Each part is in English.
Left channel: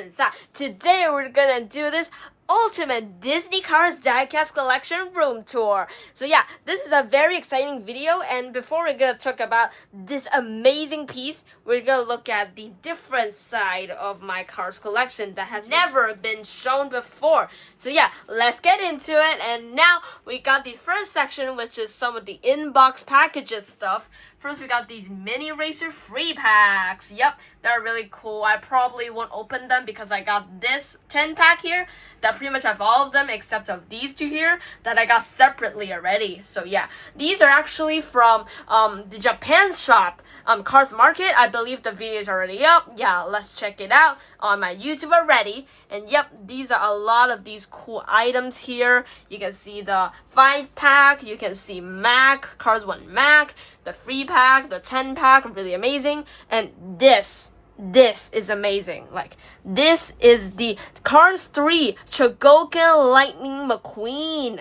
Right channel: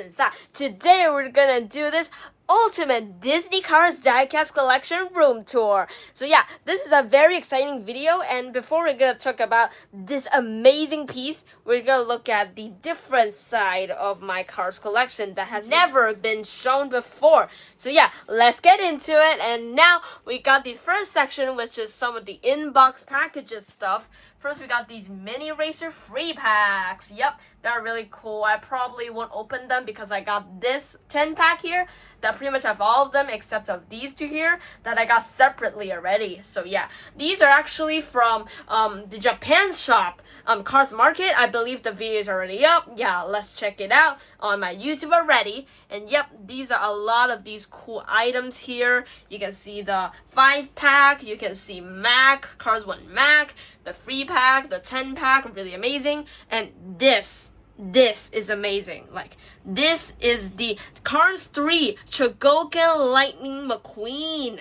Jackson. So today we're gonna do this ultimate Disney Cars diecast collection room tour. So yeah, this is a very exciting video, and before we're gonna talk about this amazing piece, we're gonna look at the different side of my Cars collection that has never been shown before. So yeah, let's get into it. And now we got the first section, which is some of the in-box packages stuff. First, we got these mini racer free packs. Yep, they're really cool. I probably won't open them because I got this 10-pack here that pretty much have all of them except of these two here that I got separately already. So yeah, these are actually from the Japan shop, Cars Market. I believe the video is already up. Yeah, let's check it out on my YouTube already. And yep, these are a lot of these cool items here. You can see the 5-pack. You can see Mac, Cars 1 Mac, the free pack, the 10-pack, really amazing. And this is amazing. Like, this is the Cars 3 Chogokin Lighting McQueen.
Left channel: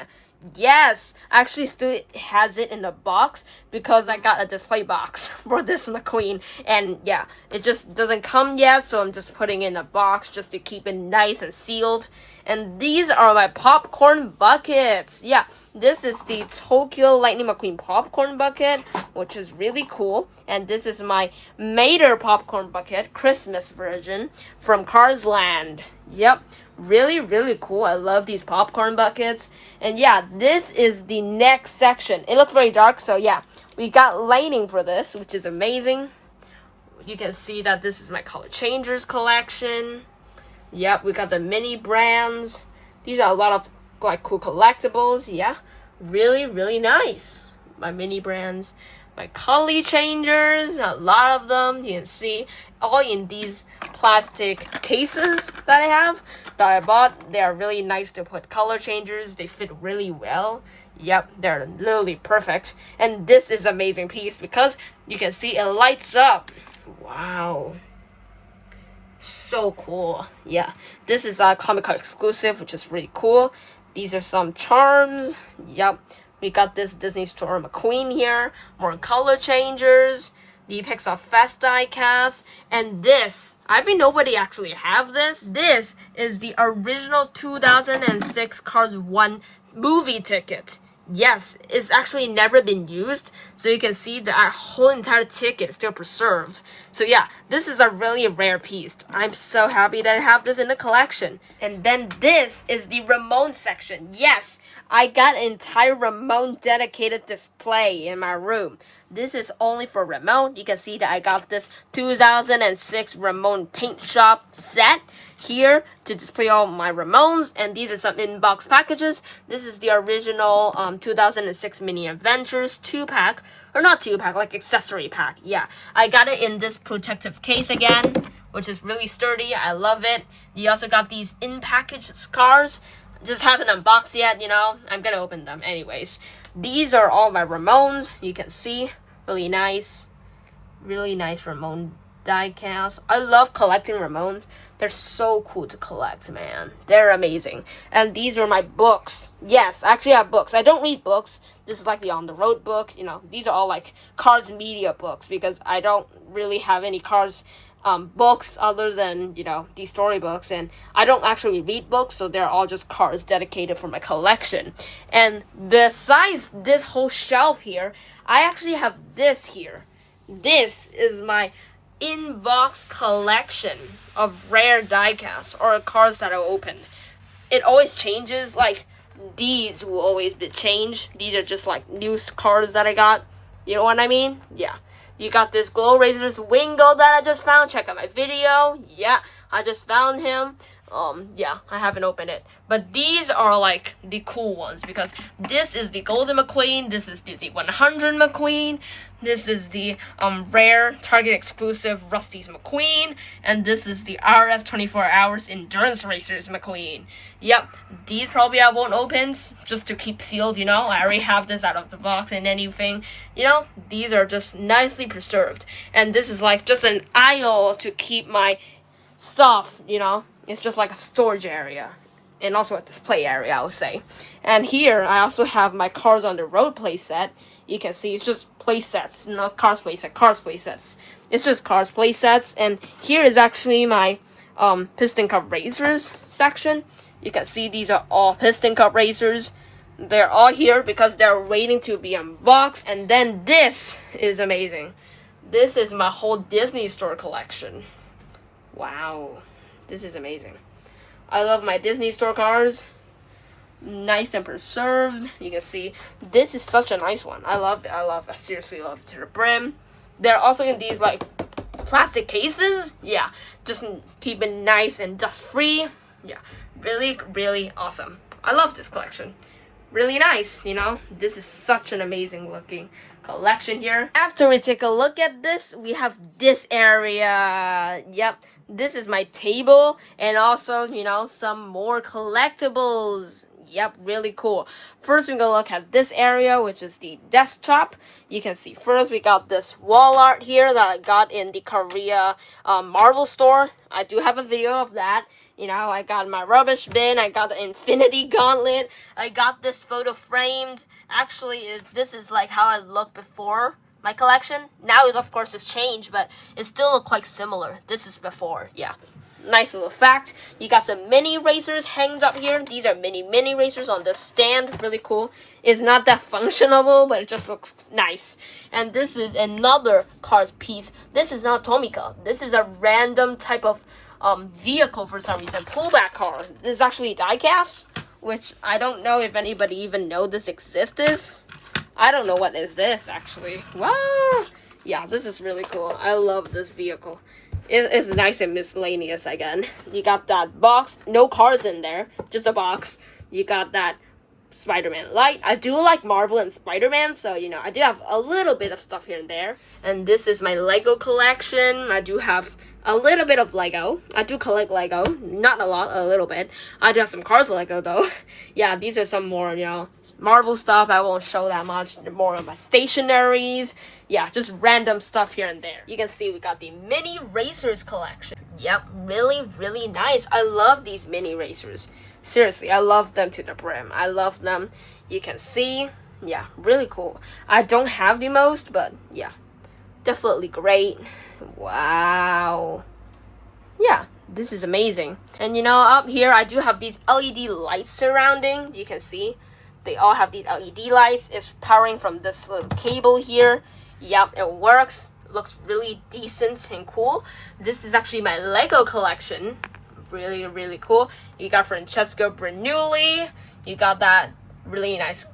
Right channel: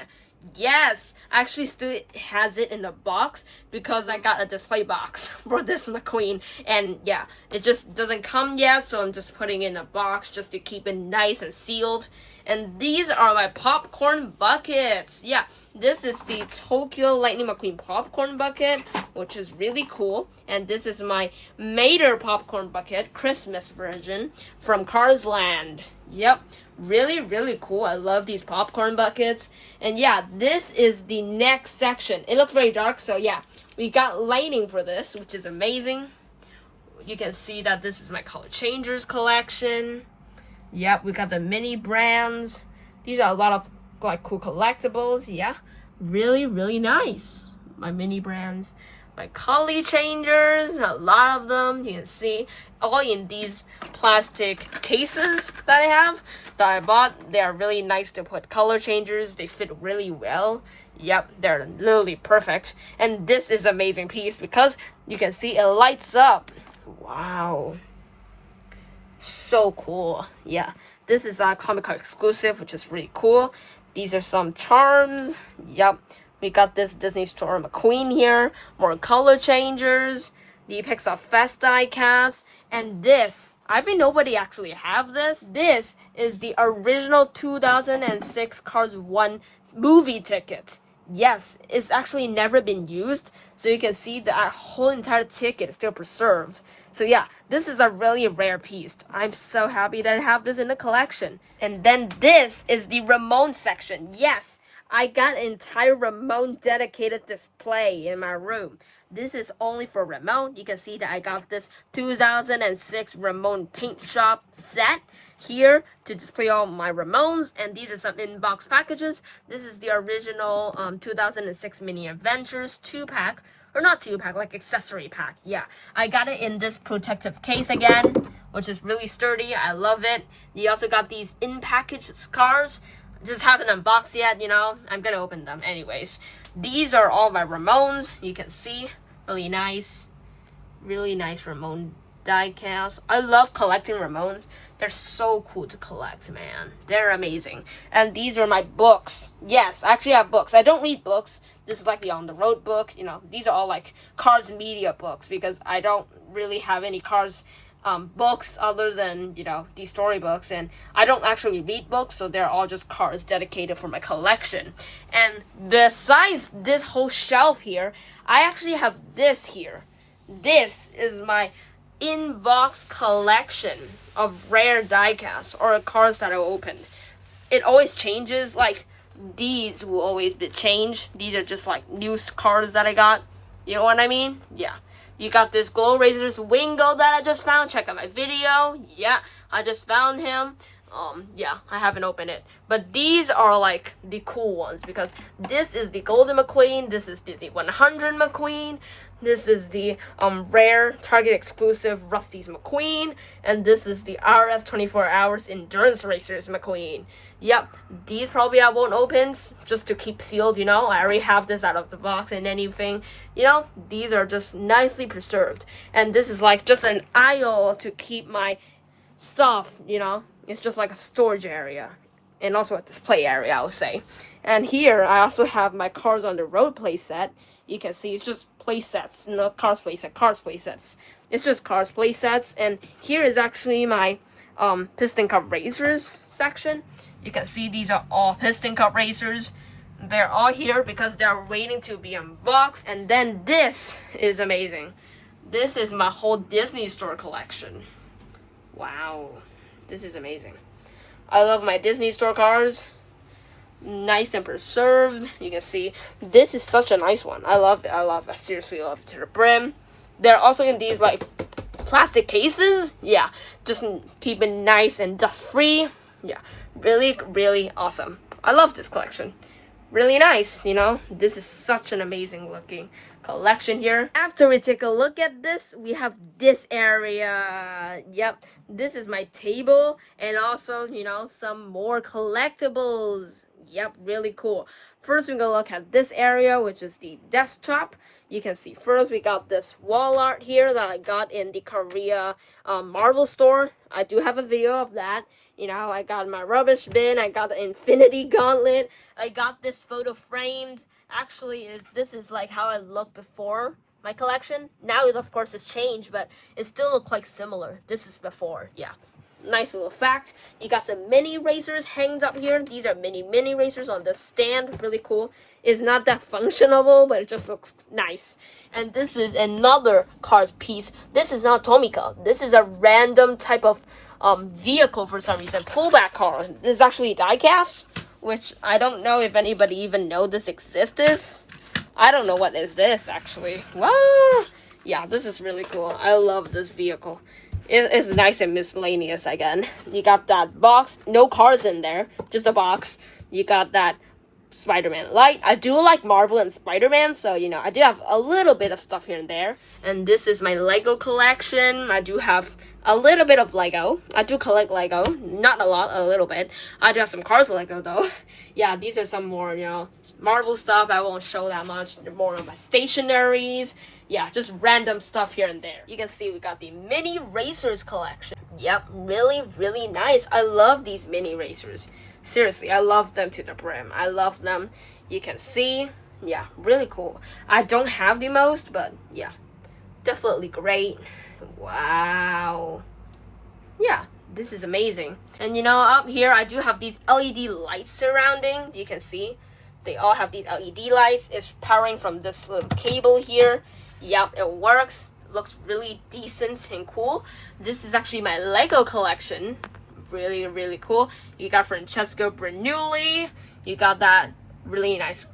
Yes, I actually still has it in the box because I got a display box for this McQueen. And yeah, it just doesn't come yet, so I'm just putting it in a box just to keep it nice and sealed. And these are my popcorn buckets. Yeah, this is the Tokyo Lightning McQueen popcorn bucket, which is really cool. And this is my Mater popcorn bucket, Christmas version from Cars Land. Yep, really cool. I love these popcorn buckets. And yeah, this is the next section. It looks very dark, so yeah, we got lighting for this, which is amazing. You can see that this is my color changers collection. Yep, we got the mini brands. These are a lot of like cool collectibles. Yeah, really nice. My mini brands, my color changers, a lot of them. You can see all in these plastic cases that I have that I bought. They are really nice to put color changers. They fit really well. Yep, they're literally perfect. And this is an amazing piece because you can see it lights up. Wow. So cool. Yeah, this is a Comic Con exclusive, which is really cool. These are some charms. Yep, we got this Disney Store McQueen here, more color changers, the Pixar Fest diecast, and this, I think nobody actually have this. This is the original 2006 Cars 1 movie ticket. Yes, it's actually never been used, so you can see that whole entire ticket is still preserved. So yeah, this is a really rare piece. I'm so happy that I have this in the collection. And then this is the Ramone section. Yes, I got an entire Ramone dedicated display in my room. This is only for Ramone. You can see that I got this 2006 Ramone paint shop set here to display all my Ramones, and these are some in-box packages. This is the original 2006 Mini Adventures 2-pack, or not 2-pack, like accessory pack. Yeah, I got it in this protective case again, which is really sturdy. I love it. You also got these in-package cars. Just haven't unboxed yet, you know. I'm gonna open them anyways. These are all my Ramones. You can see, really nice Ramone diecast. I love collecting Ramones. They're so cool to collect, man. They're amazing. And these are my books. Yes, I actually have books. I don't read books. This is like the on-the-road book. You know, these are all like Cars media books because I don't really have any Cars books other than, you know, these storybooks, and I don't actually read books, so they're all just Cars dedicated for my collection. And besides this whole shelf here, I actually have this here. This is my in-box collection of rare diecasts or cars that I opened. It always changes. Like, these will always be changed. These are just like new cars that I got. You know what I mean? Yeah. You got this Glow Razors Wingo that I just found. Check out my video. Yeah, I just found him. Yeah, I haven't opened it. But these are like the cool ones because this is the Golden McQueen. This is the Z100 McQueen. This is the rare Target exclusive Rusty's McQueen. And this is the RS 24 Hours Endurance Racers McQueen. Yep, these probably I won't open just to keep sealed, you know. I already have this out of the box and anything. You know, these are just nicely preserved. And this is like just an aisle to keep my stuff, you know. It's just like a storage area and also a display area, I would say. And here I also have my Cars on the Road playset. You can see it's just playsets, not Cars playset, Cars playsets. It's just Cars playsets. And here is actually my piston cup racers section. You can see these are all piston cup racers. They're all here because they're waiting to be unboxed. And then this is amazing. This is my whole Disney Store collection. Wow, this is amazing. I love my Disney Store cars. Nice and preserved. You can see this is such a nice one. I love it. I seriously love it to the brim. They're also in these like plastic cases. Yeah, just keep it nice and dust free. Yeah, really awesome. I love this collection. Really nice, you know. This is such an amazing looking collection here. After we take a look at this, we have this area. Yep, this is my table, and also, you know, some more collectibles. Yep, really cool. First, we're gonna look at this area, which is the desktop. You can see first we got this wall art here that I got in the Korea Marvel store. I do have a video of that. You know, I got my rubbish bin. I got the Infinity Gauntlet. I got this photo framed. Actually, this is like how I looked before my collection. Now, of course, it's changed, but it still look quite similar. This is before, yeah. Nice little fact. You got some mini racers hanged up here. These are mini racers on the stand. Really cool. It's not that functional, but it just looks nice. And this is another Cars piece. This is not Tomica. This is a random type of vehicle for some reason. Pullback car. This is actually diecast, which I don't know if anybody even know this exists. I don't know what is this actually. What? Yeah, this is really cool. I love this vehicle. It's nice and miscellaneous again. You got that box, no cars in there, just a box. You got that Spider-Man light. I do like Marvel and Spider-Man, so, you know, I do have a little bit of stuff here and there. And this is my Lego collection. I do have a little bit of Lego. I do collect Lego. Not a lot, a little bit. I do have some Cars Lego, though. Yeah, these are some more, you know, Marvel stuff. I won't show that much. More of my stationaries. Yeah, just random stuff here and there. You can see we got the mini racers collection. Yep, really nice. I love these mini racers. Seriously, I love them to the brim. I love them. You can see, yeah, really cool. I don't have the most, but yeah, definitely great. Wow. Yeah, this is amazing. And you know, up here, I do have these LED lights surrounding. You can see they all have these LED lights. It's powering from this little cable here. Yep, it works. Looks really decent and cool. This is actually my Lego collection. Really cool. You got Francesco Bernoulli. You got that really nice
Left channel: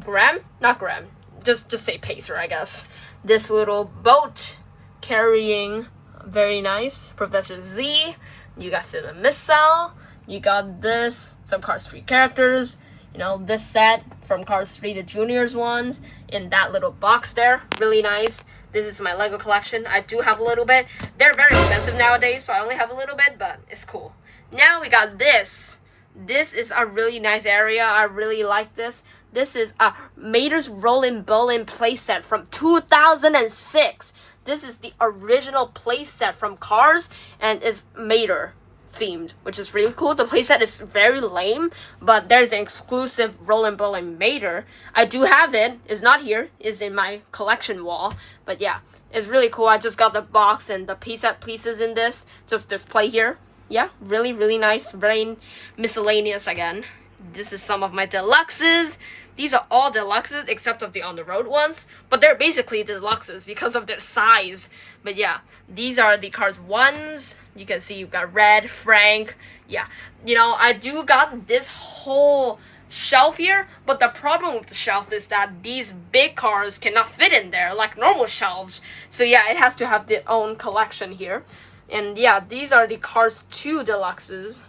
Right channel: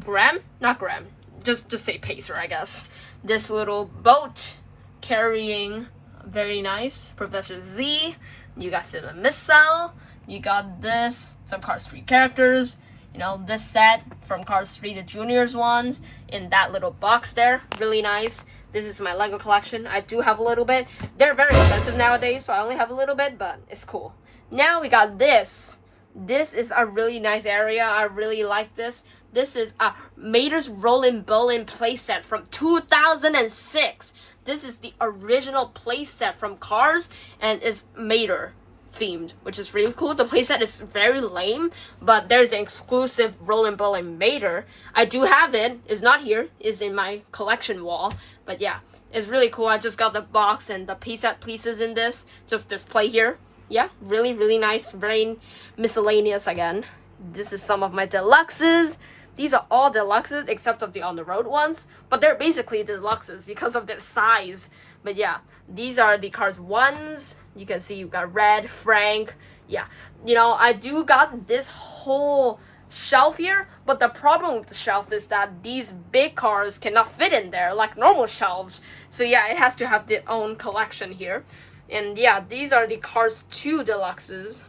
not Graham, just say Pacer, I guess. This little boat carrying very nice Professor Z. You got Philip Missile. You got this, some Cars 3 characters. You know, this set from Cars 3, the juniors ones, in that little box there. Really nice. This is my Lego collection. I do have a little bit. They're very expensive nowadays, so I only have a little bit, but it's cool. Now we got this. This is a really nice area. I really like this. This is a Mater's Rollin' Bowling playset from 2006. This is the original playset from Cars and is Mater themed, which is really cool. The playset is very lame, but there's an exclusive Rollin' Bowling Mater. I do have it. It's not here. It's in my collection wall. But yeah, it's really cool. I just got the box and the playset pieces in this. Just display here. Yeah, really nice. Very miscellaneous again. This is some of my deluxes. These are all deluxes except of the on the road ones, but they're basically deluxes because of their size. But yeah, these are the Cars 1s. You can see you've got Red, Frank. Yeah, you know, I do got this whole shelf here, but the problem with the shelf is that these big cars cannot fit in there like normal shelves. So yeah, it has to have its own collection here. And yeah, these are the Cars 2 Deluxes.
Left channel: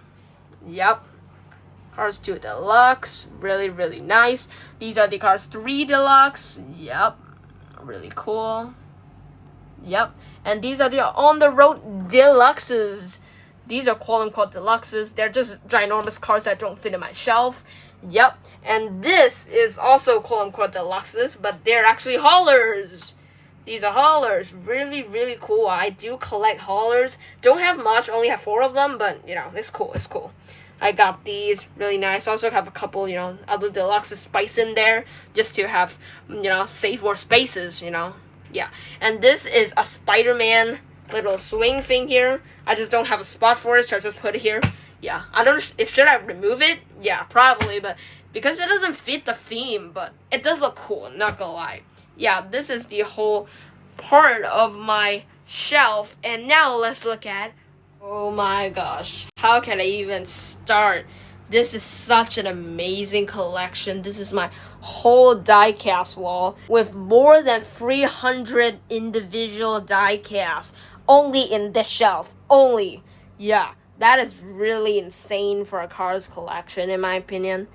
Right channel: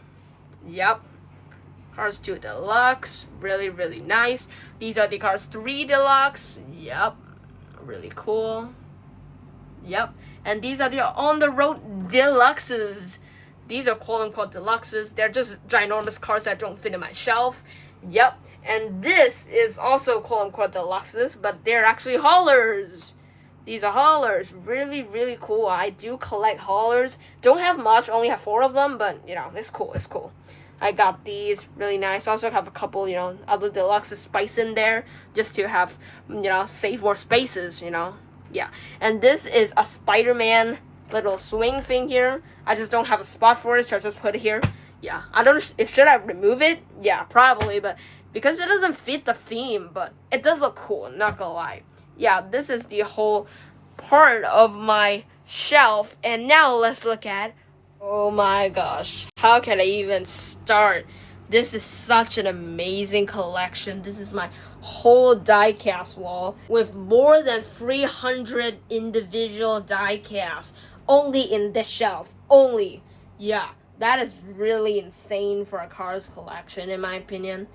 Yep. Cars 2 Deluxe. Really nice. These are the Cars 3 Deluxe. Yep. Really cool. Yep. And these are the on-the-road Deluxes. These are quote-unquote Deluxes. They're just ginormous cars that don't fit in my shelf. Yep. And this is also quote-unquote Deluxes, but they're actually haulers. These are haulers. Really cool. I do collect haulers. Don't have much. Only have 4 of them. But, you know, it's cool. It's cool. I got these. Really nice. Also have a couple, you know, other deluxes spice in there. Just to have, you know, save more spaces, you know. Yeah. And this is a Spider-Man little swing thing here. I just don't have a spot for it, so I just put it here. Yeah, I don't know if should I remove it? Yeah, probably, but because it doesn't fit the theme, but it does look cool, not gonna lie. Yeah, this is the whole part of my shelf, and now let's look at, oh my gosh, how can I even start? This is such an amazing collection. This is my whole die-cast wall with more than 300 individual die-casts only in this shelf. Only. Yeah, that is really insane for a Cars collection in my opinion.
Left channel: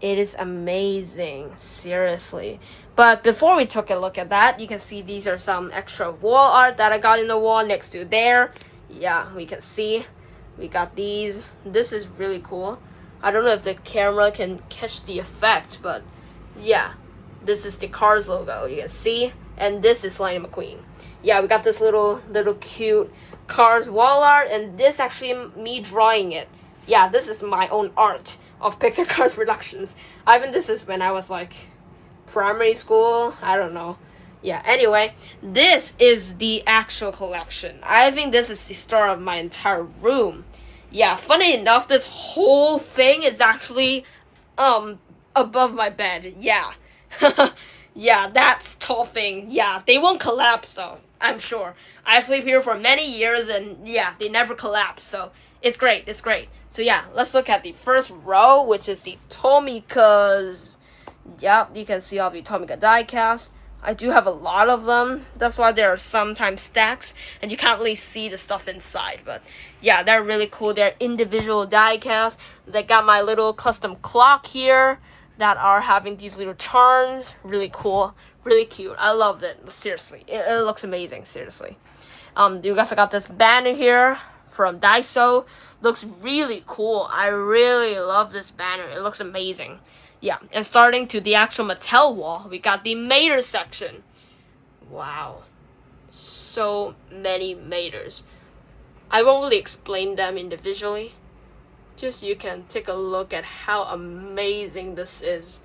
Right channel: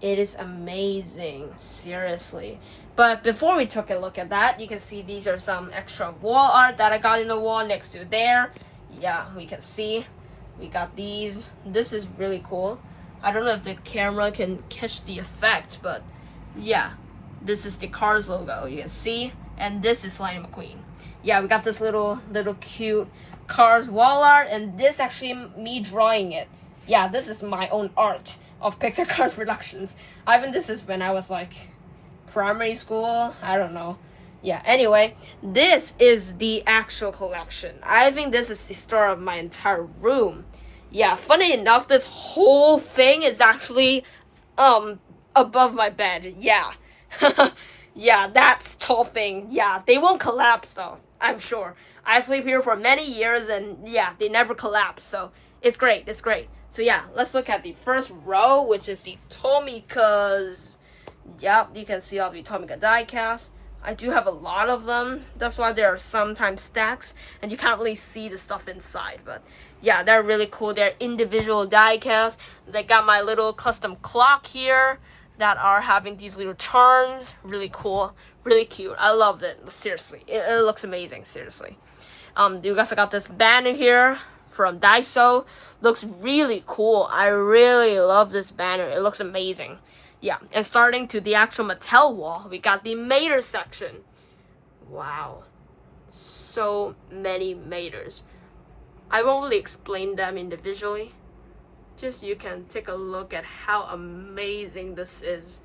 It is amazing, seriously. But before we took a look at that, you can see these are some extra wall art that I got in the wall next to there. Yeah, we can see. We got these. This is really cool. I don't know if the camera can catch the effect, but yeah. This is the Cars logo, you can see. And this is Lighting McQueen. Yeah, we got this little cute Cars wall art, and this actually me drawing it. Yeah, this is my own art of Pixar Cars Productions. I think this is when I was like primary school. I don't know. Yeah, anyway, this is the actual collection. I think this is the start of my entire room. Yeah, funny enough, this whole thing is actually above my bed. Yeah. Yeah, that's tall thing. Yeah, they won't collapse though, I'm sure. I sleep here for many years and yeah, they never collapse. So it's great. It's great. So yeah, let's look at the first row, which is the Tomikas. Yep, you can see all the Tomika diecast. I do have a lot of them. That's why there are sometimes stacks and you can't really see the stuff inside. But yeah, they're really cool. They're individual diecast. They got my little custom clock here that are having these little charms. Really cool. Really cute. I loved it. Seriously. It looks amazing. Seriously. You guys got this banner here from Daiso. Looks really cool. I really love this banner. It looks amazing. Yeah, and starting to the actual Mattel wall, we got the Mater section. Wow. So many Maters. I won't really explain them individually. Just you can take a look at how amazing this is.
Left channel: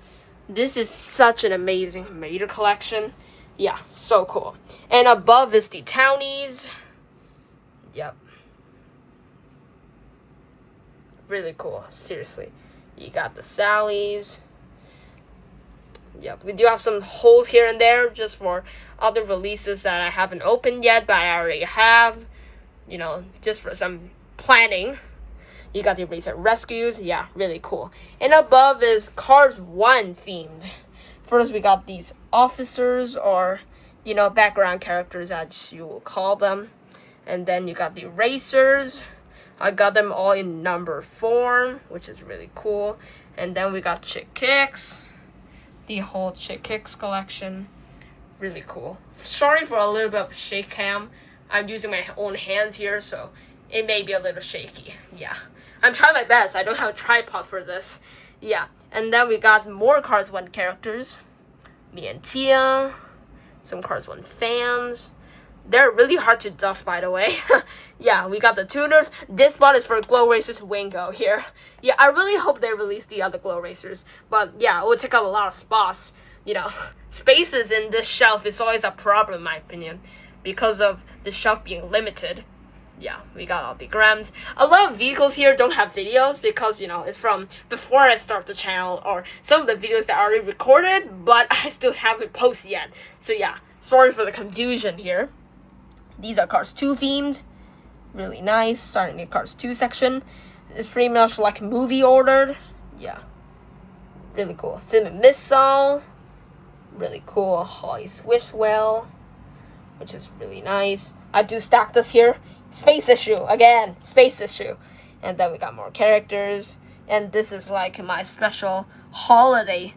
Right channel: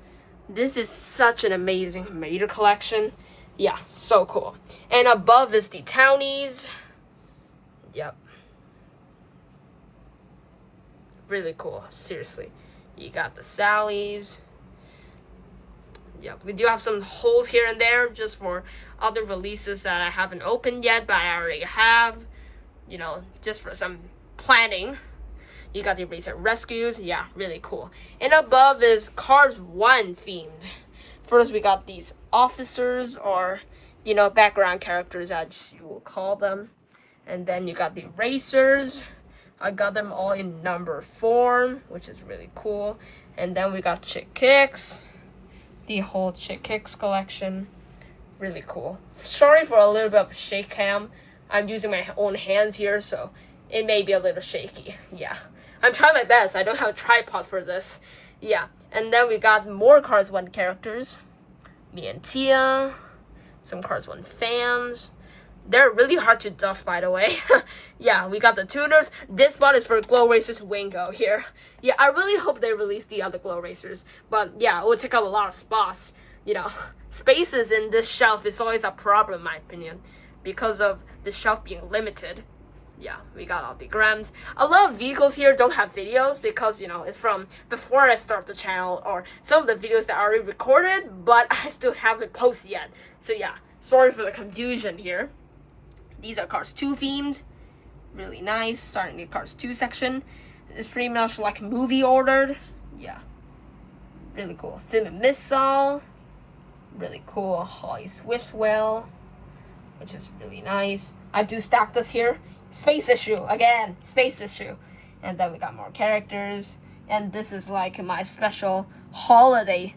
This is such an amazing Mater collection. Yeah, so cool. And above is the Townies. Yep. Really cool, seriously. You got the Sallys. Yep, we do have some holes here and there just for other releases that I haven't opened yet, but I already have. You know, just for some planning. You got the Racer Rescues. Yeah, really cool. And above is Cars 1 themed. First, we got these officers or, you know, background characters as you will call them. And then you got the racers. I got them all in number form, which is really cool. And then we got Chick Kicks. The whole Chick Kicks collection. Really cool. Sorry for a little bit of shake cam. I'm using my own hands here, so it may be a little shaky. Yeah. I'm trying my best. I don't have a tripod for this. Yeah. And then we got more Cars 1 characters. Me and Tia. Some Cars 1 fans. They're really hard to dust, by the way. Yeah, we got the tuners. This one is for Glow Racers Wingo here. Yeah, I really hope they release the other Glow Racers. But yeah, it would take up a lot of spots. You know, spaces in this shelf is always a problem, in my opinion. Because of the shelf being limited. Yeah, we got all the grams. A lot of vehicles here don't have videos because, you know, it's from before I start the channel or some of the videos that are already recorded, but I still haven't posted yet. So yeah, sorry for the confusion here. These are Cars 2 themed. Really nice. Starting the Cars 2 section. It's pretty much like movie ordered. Yeah. Really cool. Film and Missile. Really cool. Holly Swishwell. Which is really nice. I do stack this here. Space issue. Again. Space issue. And then we got more characters. And this is like my special holiday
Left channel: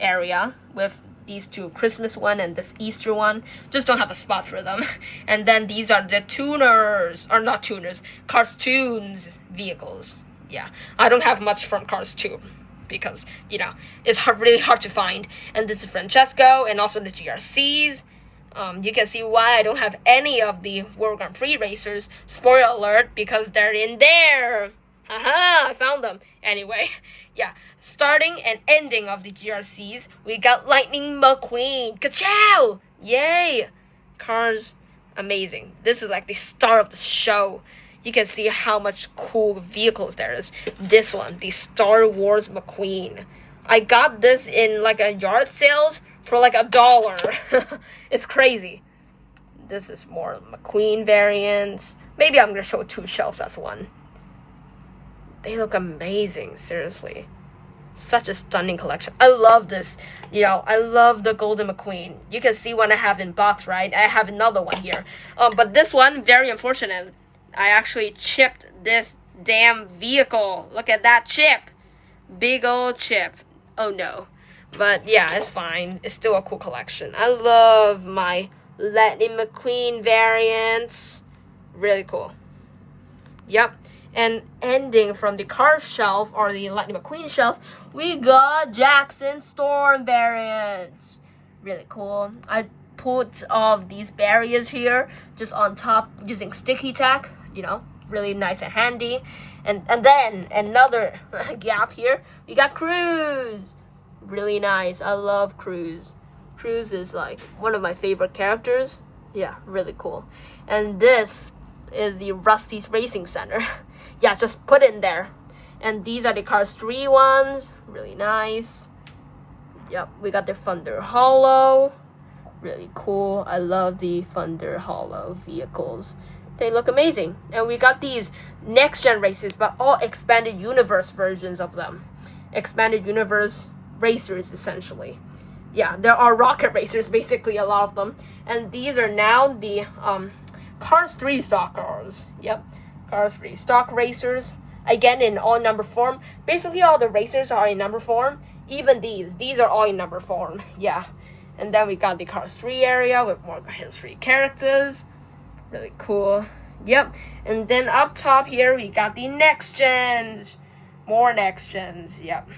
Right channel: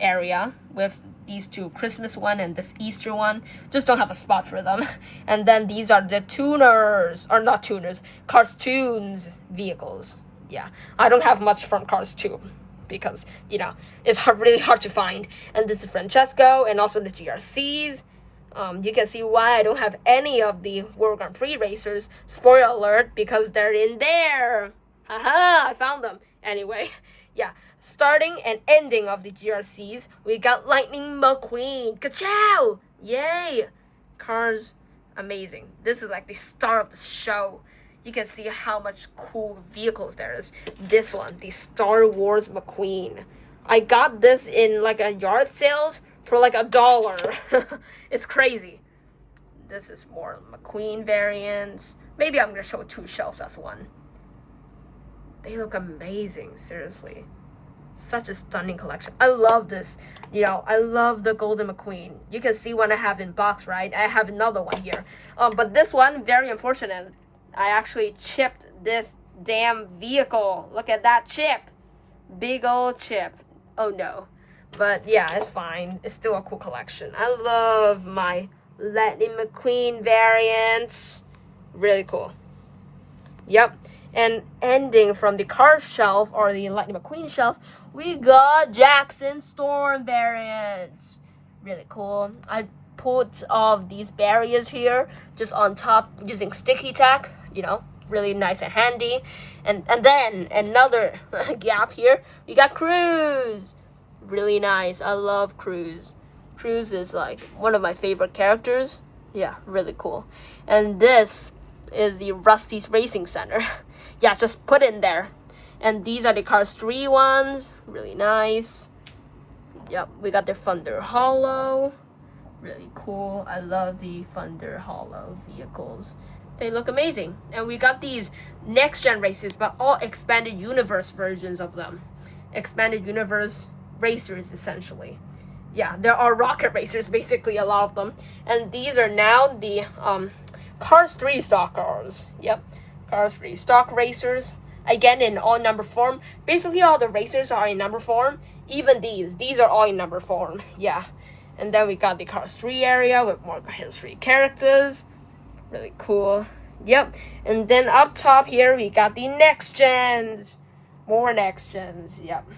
area with these two Christmas one and this Easter one. Just don't have a spot for them. And then these are the tuners, or not tuners, Cartoons vehicles. Yeah, I don't have much from Cars 2 because, you know, it's really hard to find. And this is Francesco and also the GRCs. You can see why I don't have any of the World Grand Prix racers. Spoiler alert, because they're in there. Haha, I found them. Anyway, yeah, starting and ending of the GRCs, we got Lighting McQueen. Ka-chow! Yay! Cars amazing. This is like the star of the show. You can see how much cool vehicles there is. This one, the Star Wars McQueen. I got this in like a yard sales for like $1. It's crazy. This is more McQueen variants. Maybe I'm gonna show 2 shelves as one. They look amazing, seriously. Such a stunning collection. I love this. You know, I love the Golden McQueen. You can see one I have in box, right? I have another one here. But this one, very unfortunate. I actually chipped this damn vehicle. Look at that chip. Big old chip. Oh no. But yeah, it's fine. It's still a cool collection. I love my Lighting McQueen variants. Really cool. Yep. And ending from the car shelf, or the Lighting McQueen shelf, we got Jackson Storm variants. Really cool. I put all of these barriers here just on top using sticky tack. You know, really nice and handy. And then another gap here, we got Cruz. Really nice. I love Cruz. Cruz is like one of my favorite characters. Yeah, really cool. And this is the Rusty's Racing Center. Yeah, just put it in there. And these are the Cars 3 ones. Really nice. Yep, we got the Thunder Hollow. Really cool. I love the Thunder Hollow vehicles. They look amazing. And we got these next gen races, but all expanded universe versions of them. Expanded universe racers, essentially. Yeah, there are rocket racers, basically, a lot of them. And these are now the Cars 3 stock cars. Yep, Cars 3 stock racers. Again, in all number form. Basically, all the racers are in number form. Even these. These are all in number form. Yeah. And then we got the Cars 3 area with more Cars 3 characters. Really cool. Yep. And then up top here, we got the next gens. More next gens. Yep.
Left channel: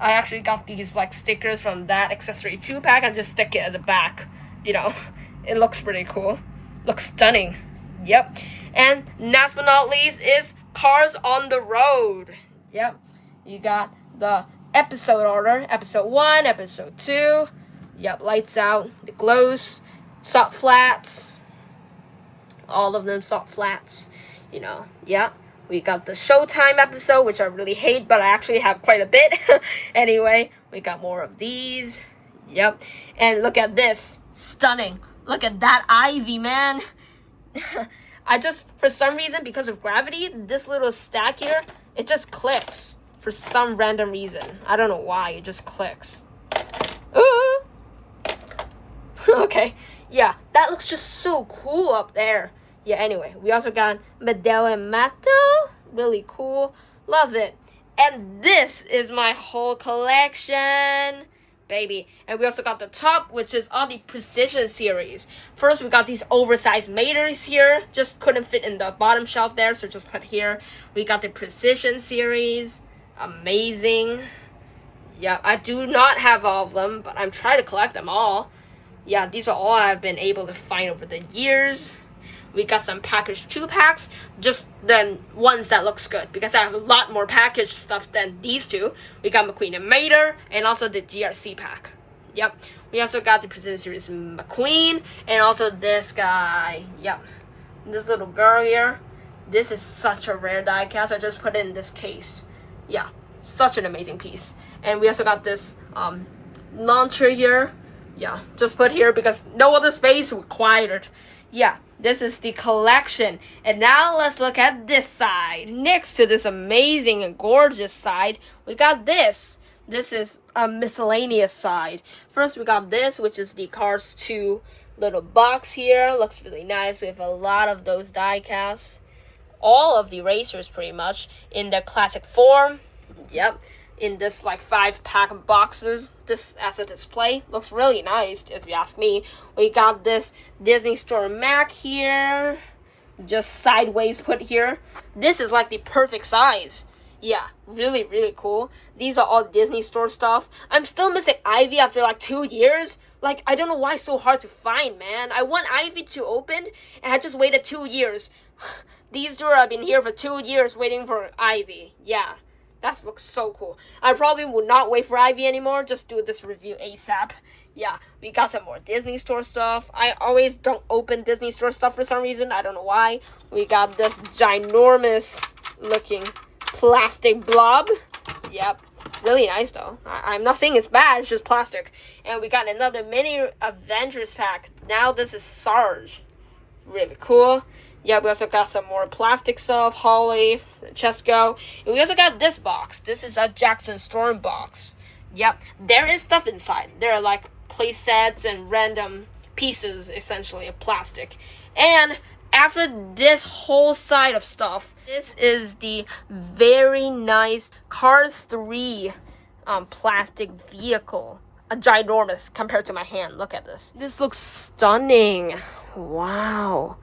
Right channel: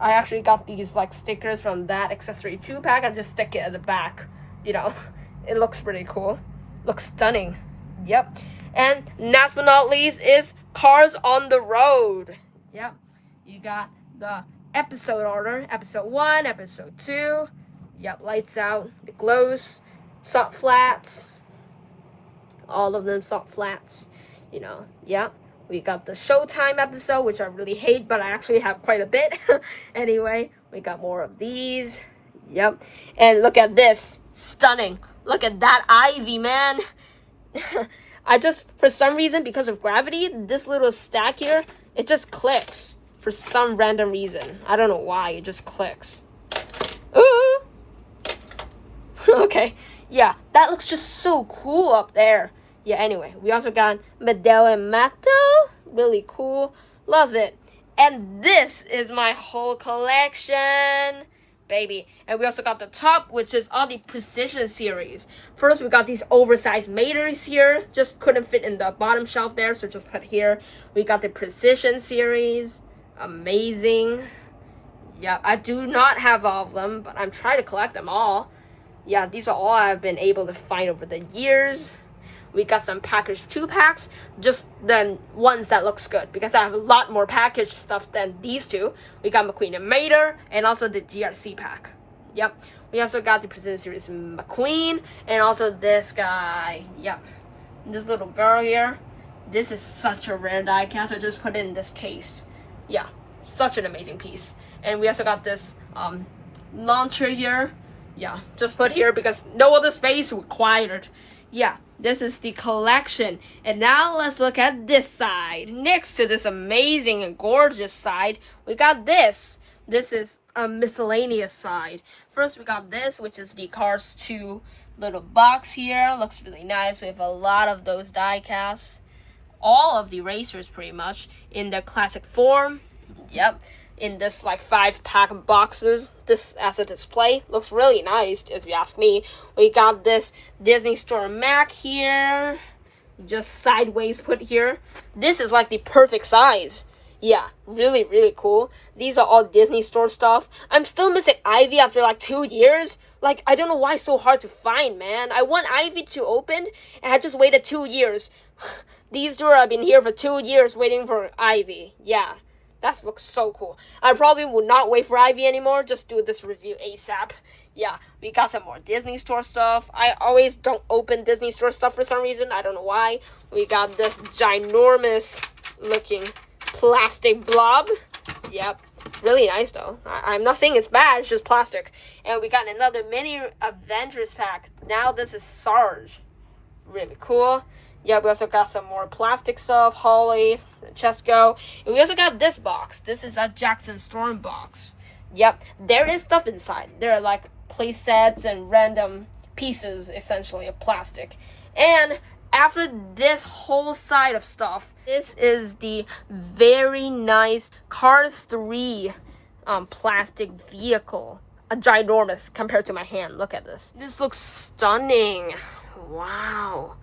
I actually got these like stickers from that accessory 2-pack and just stick it at the back. You know, it looks pretty cool. Looks stunning. Yep. And last but not least is Cars on the Road. Yep. You got the episode order. Episode 1, episode 2. Yep. Lights out. It glows. Soft flats. All of them soft flats. You know. Yep. We got the Showtime episode, which I really hate, but I actually have quite a bit. Anyway, we got more of these. Yep. And look at this. Stunning. Look at that Ivy, man. I just, for some reason, because of gravity, this little stack here, it just clicks. For some random reason. I don't know why. It just clicks. Ooh. Okay. Yeah, that looks just so cool up there. Yeah, anyway, we also got Medell and Matto. Really cool. Love it. And this is my whole collection, baby. And we also got the top, which is all the Precision series. First, we got these oversized Maters here. Just couldn't fit in the bottom shelf there, so just put here. We got the Precision series. Amazing. Yeah, I do not have all of them, but I'm trying to collect them all. Yeah, these are all I've been able to find over the years. We got some packaged 2-packs, just the ones that looks good, because I have a lot more packaged stuff than these two. We got McQueen and Mater, and also the GRC pack. Yep. We also got the Precision Series McQueen, and also this guy. Yep. This little girl here. This is such a rare die cast. I just put it in this case. Yeah. Such an amazing piece. And we also got this launcher here. Yeah. Just put here because no other space required. Yeah. This is the collection. And now let's look at this side. Next to this amazing and gorgeous side, we got this. This is a miscellaneous side. First, we got this, which is the Cars 2 little box here. Looks really nice. We have a lot of those die casts. All of the racers, pretty much, in their classic form. Yep. In this like 5-pack boxes. This as a display looks really nice, if you ask me. We got this Disney Store Mac here, just sideways put here. This is like the perfect size. Yeah, really, really cool. These are all Disney Store stuff. I'm still missing Ivy after like 2 years. Like, I don't know why it's so hard to find, man. I want Ivy to open, and I just waited 2 years. These two have been here for 2 years waiting for Ivy. Yeah. That looks so cool. I probably would not wait for Ivy anymore. Just do this review ASAP. Yeah, we got some more Disney Store stuff. I always don't open Disney Store stuff for some reason. I don't know why. We got this ginormous looking plastic blob. Yep, really nice though. I'm not saying it's bad, it's just plastic. And we got another mini Avengers pack. Now this is Sarge. Really cool. Yeah, we also got some more plastic stuff, Holly, Chesco. And we also got this box. This is a Jackson Storm box. Yep, there is stuff inside. There are like play sets and random pieces, essentially, of plastic. And after this whole side of stuff, this is the very nice Cars 3 plastic vehicle. A ginormous compared to my hand. Look at this. This looks stunning. Wow.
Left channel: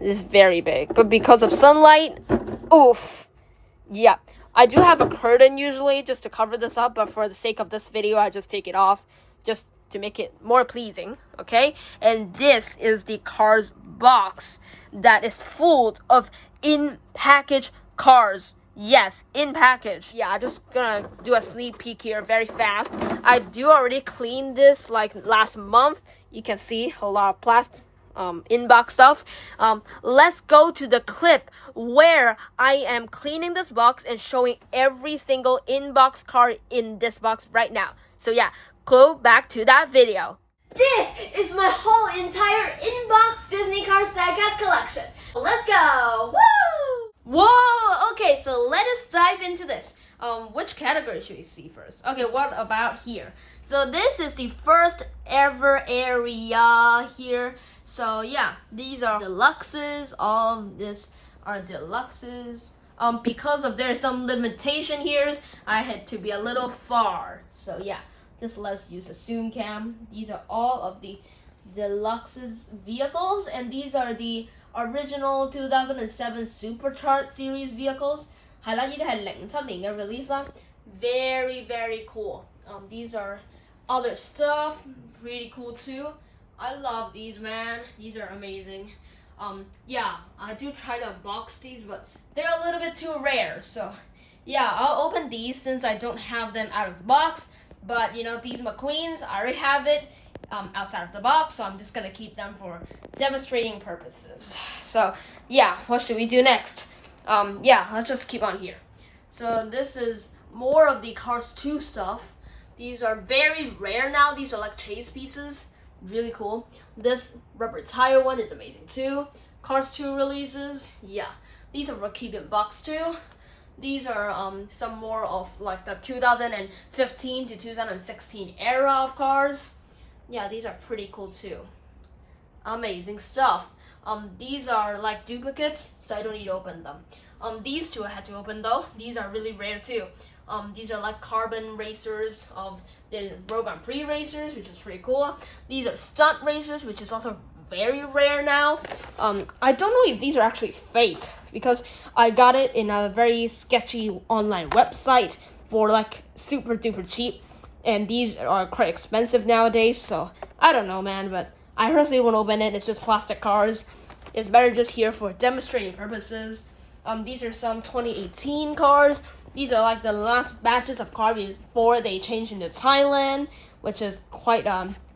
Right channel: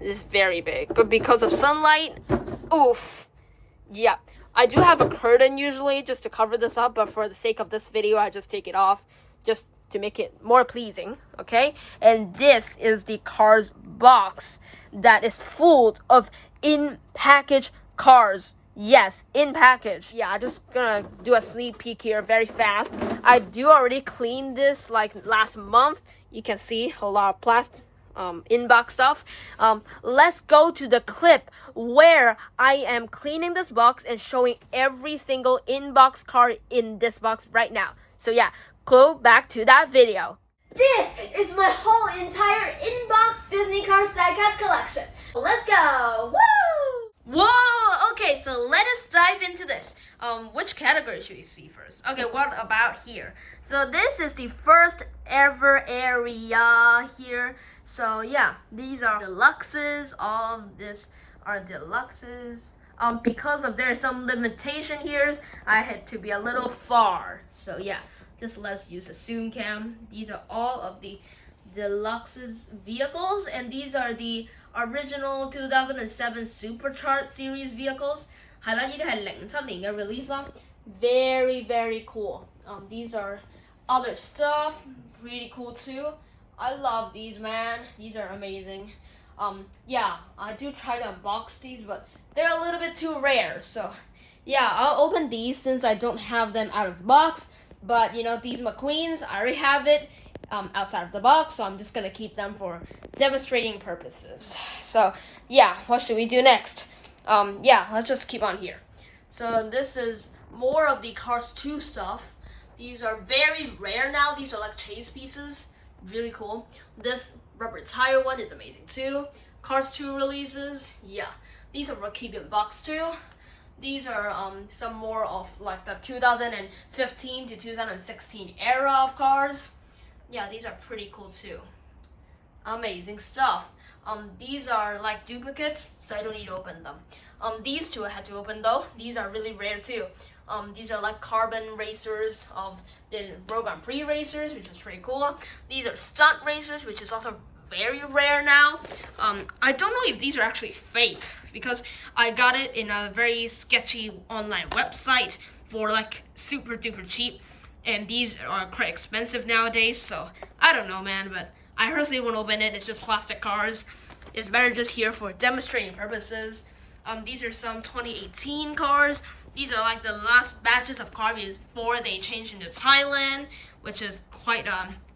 This is very big. But because of sunlight, oof. Yeah. I do have a curtain usually just to cover this up, but for the sake of this video, I just take it off just to make it more pleasing, okay? And this is the Cars box that is full of in-package cars. Yes, in package. Yeah, I'm just gonna do a sneak peek here very fast. I do already clean this like last month. You can see a lot of plastic inbox stuff. Let's go to the clip where I am cleaning this box and showing every single inbox card in this box right now. So yeah, go back to that video. This is my whole entire inbox Disney Cars diecast collection. Let's go! Woo! Whoa! Okay, so let us dive into this. Which category should we see first? Okay, what about here? So this is the first ever area here. So yeah, these are deluxes. All of this are deluxes. Because of there's some limitation here, I had to be a little far. So yeah, just let's use a zoom cam. These are all of the deluxes vehicles, and these are the original 2007 Supercharged series vehicles. 係啦，呢啲係07年嘅 release 啦 ，very very cool. These are other stuff, pretty cool too. I love these, man. These are amazing. Yeah, I do try to unbox these, but they're a little bit too rare. So, yeah, I'll open these since I don't have them out of the box. But you know, these McQueens, I already have it outside of the box, so I'm just gonna keep them for demonstrating purposes. So, yeah, what should we do next? Yeah, let's just keep on here. So this is more of the Cars 2 stuff. These are very rare now. These are like chase pieces. Really cool. This rubber tire one is amazing too. Cars 2 releases. Yeah. These are for keeping box too. These are some more of like the 2015 to 2016 era of cars. Yeah, these are pretty cool too. Amazing stuff. These are like duplicates, so I don't need to open them. These two I had to open though. These are really rare too. These are like carbon racers of the Road Grand Prix racers, which is pretty cool. These are stunt racers, which is also very rare now. I don't know if these are actually fake because I got it in a very sketchy online website for like super duper cheap, and these are quite expensive nowadays, so I don't know, man, but I personally won't open it. It's just plastic cars. It's better just here for demonstrating purposes. These are some 2018 cars. These are like the last batches of cars before they changed into Thailand, which is quite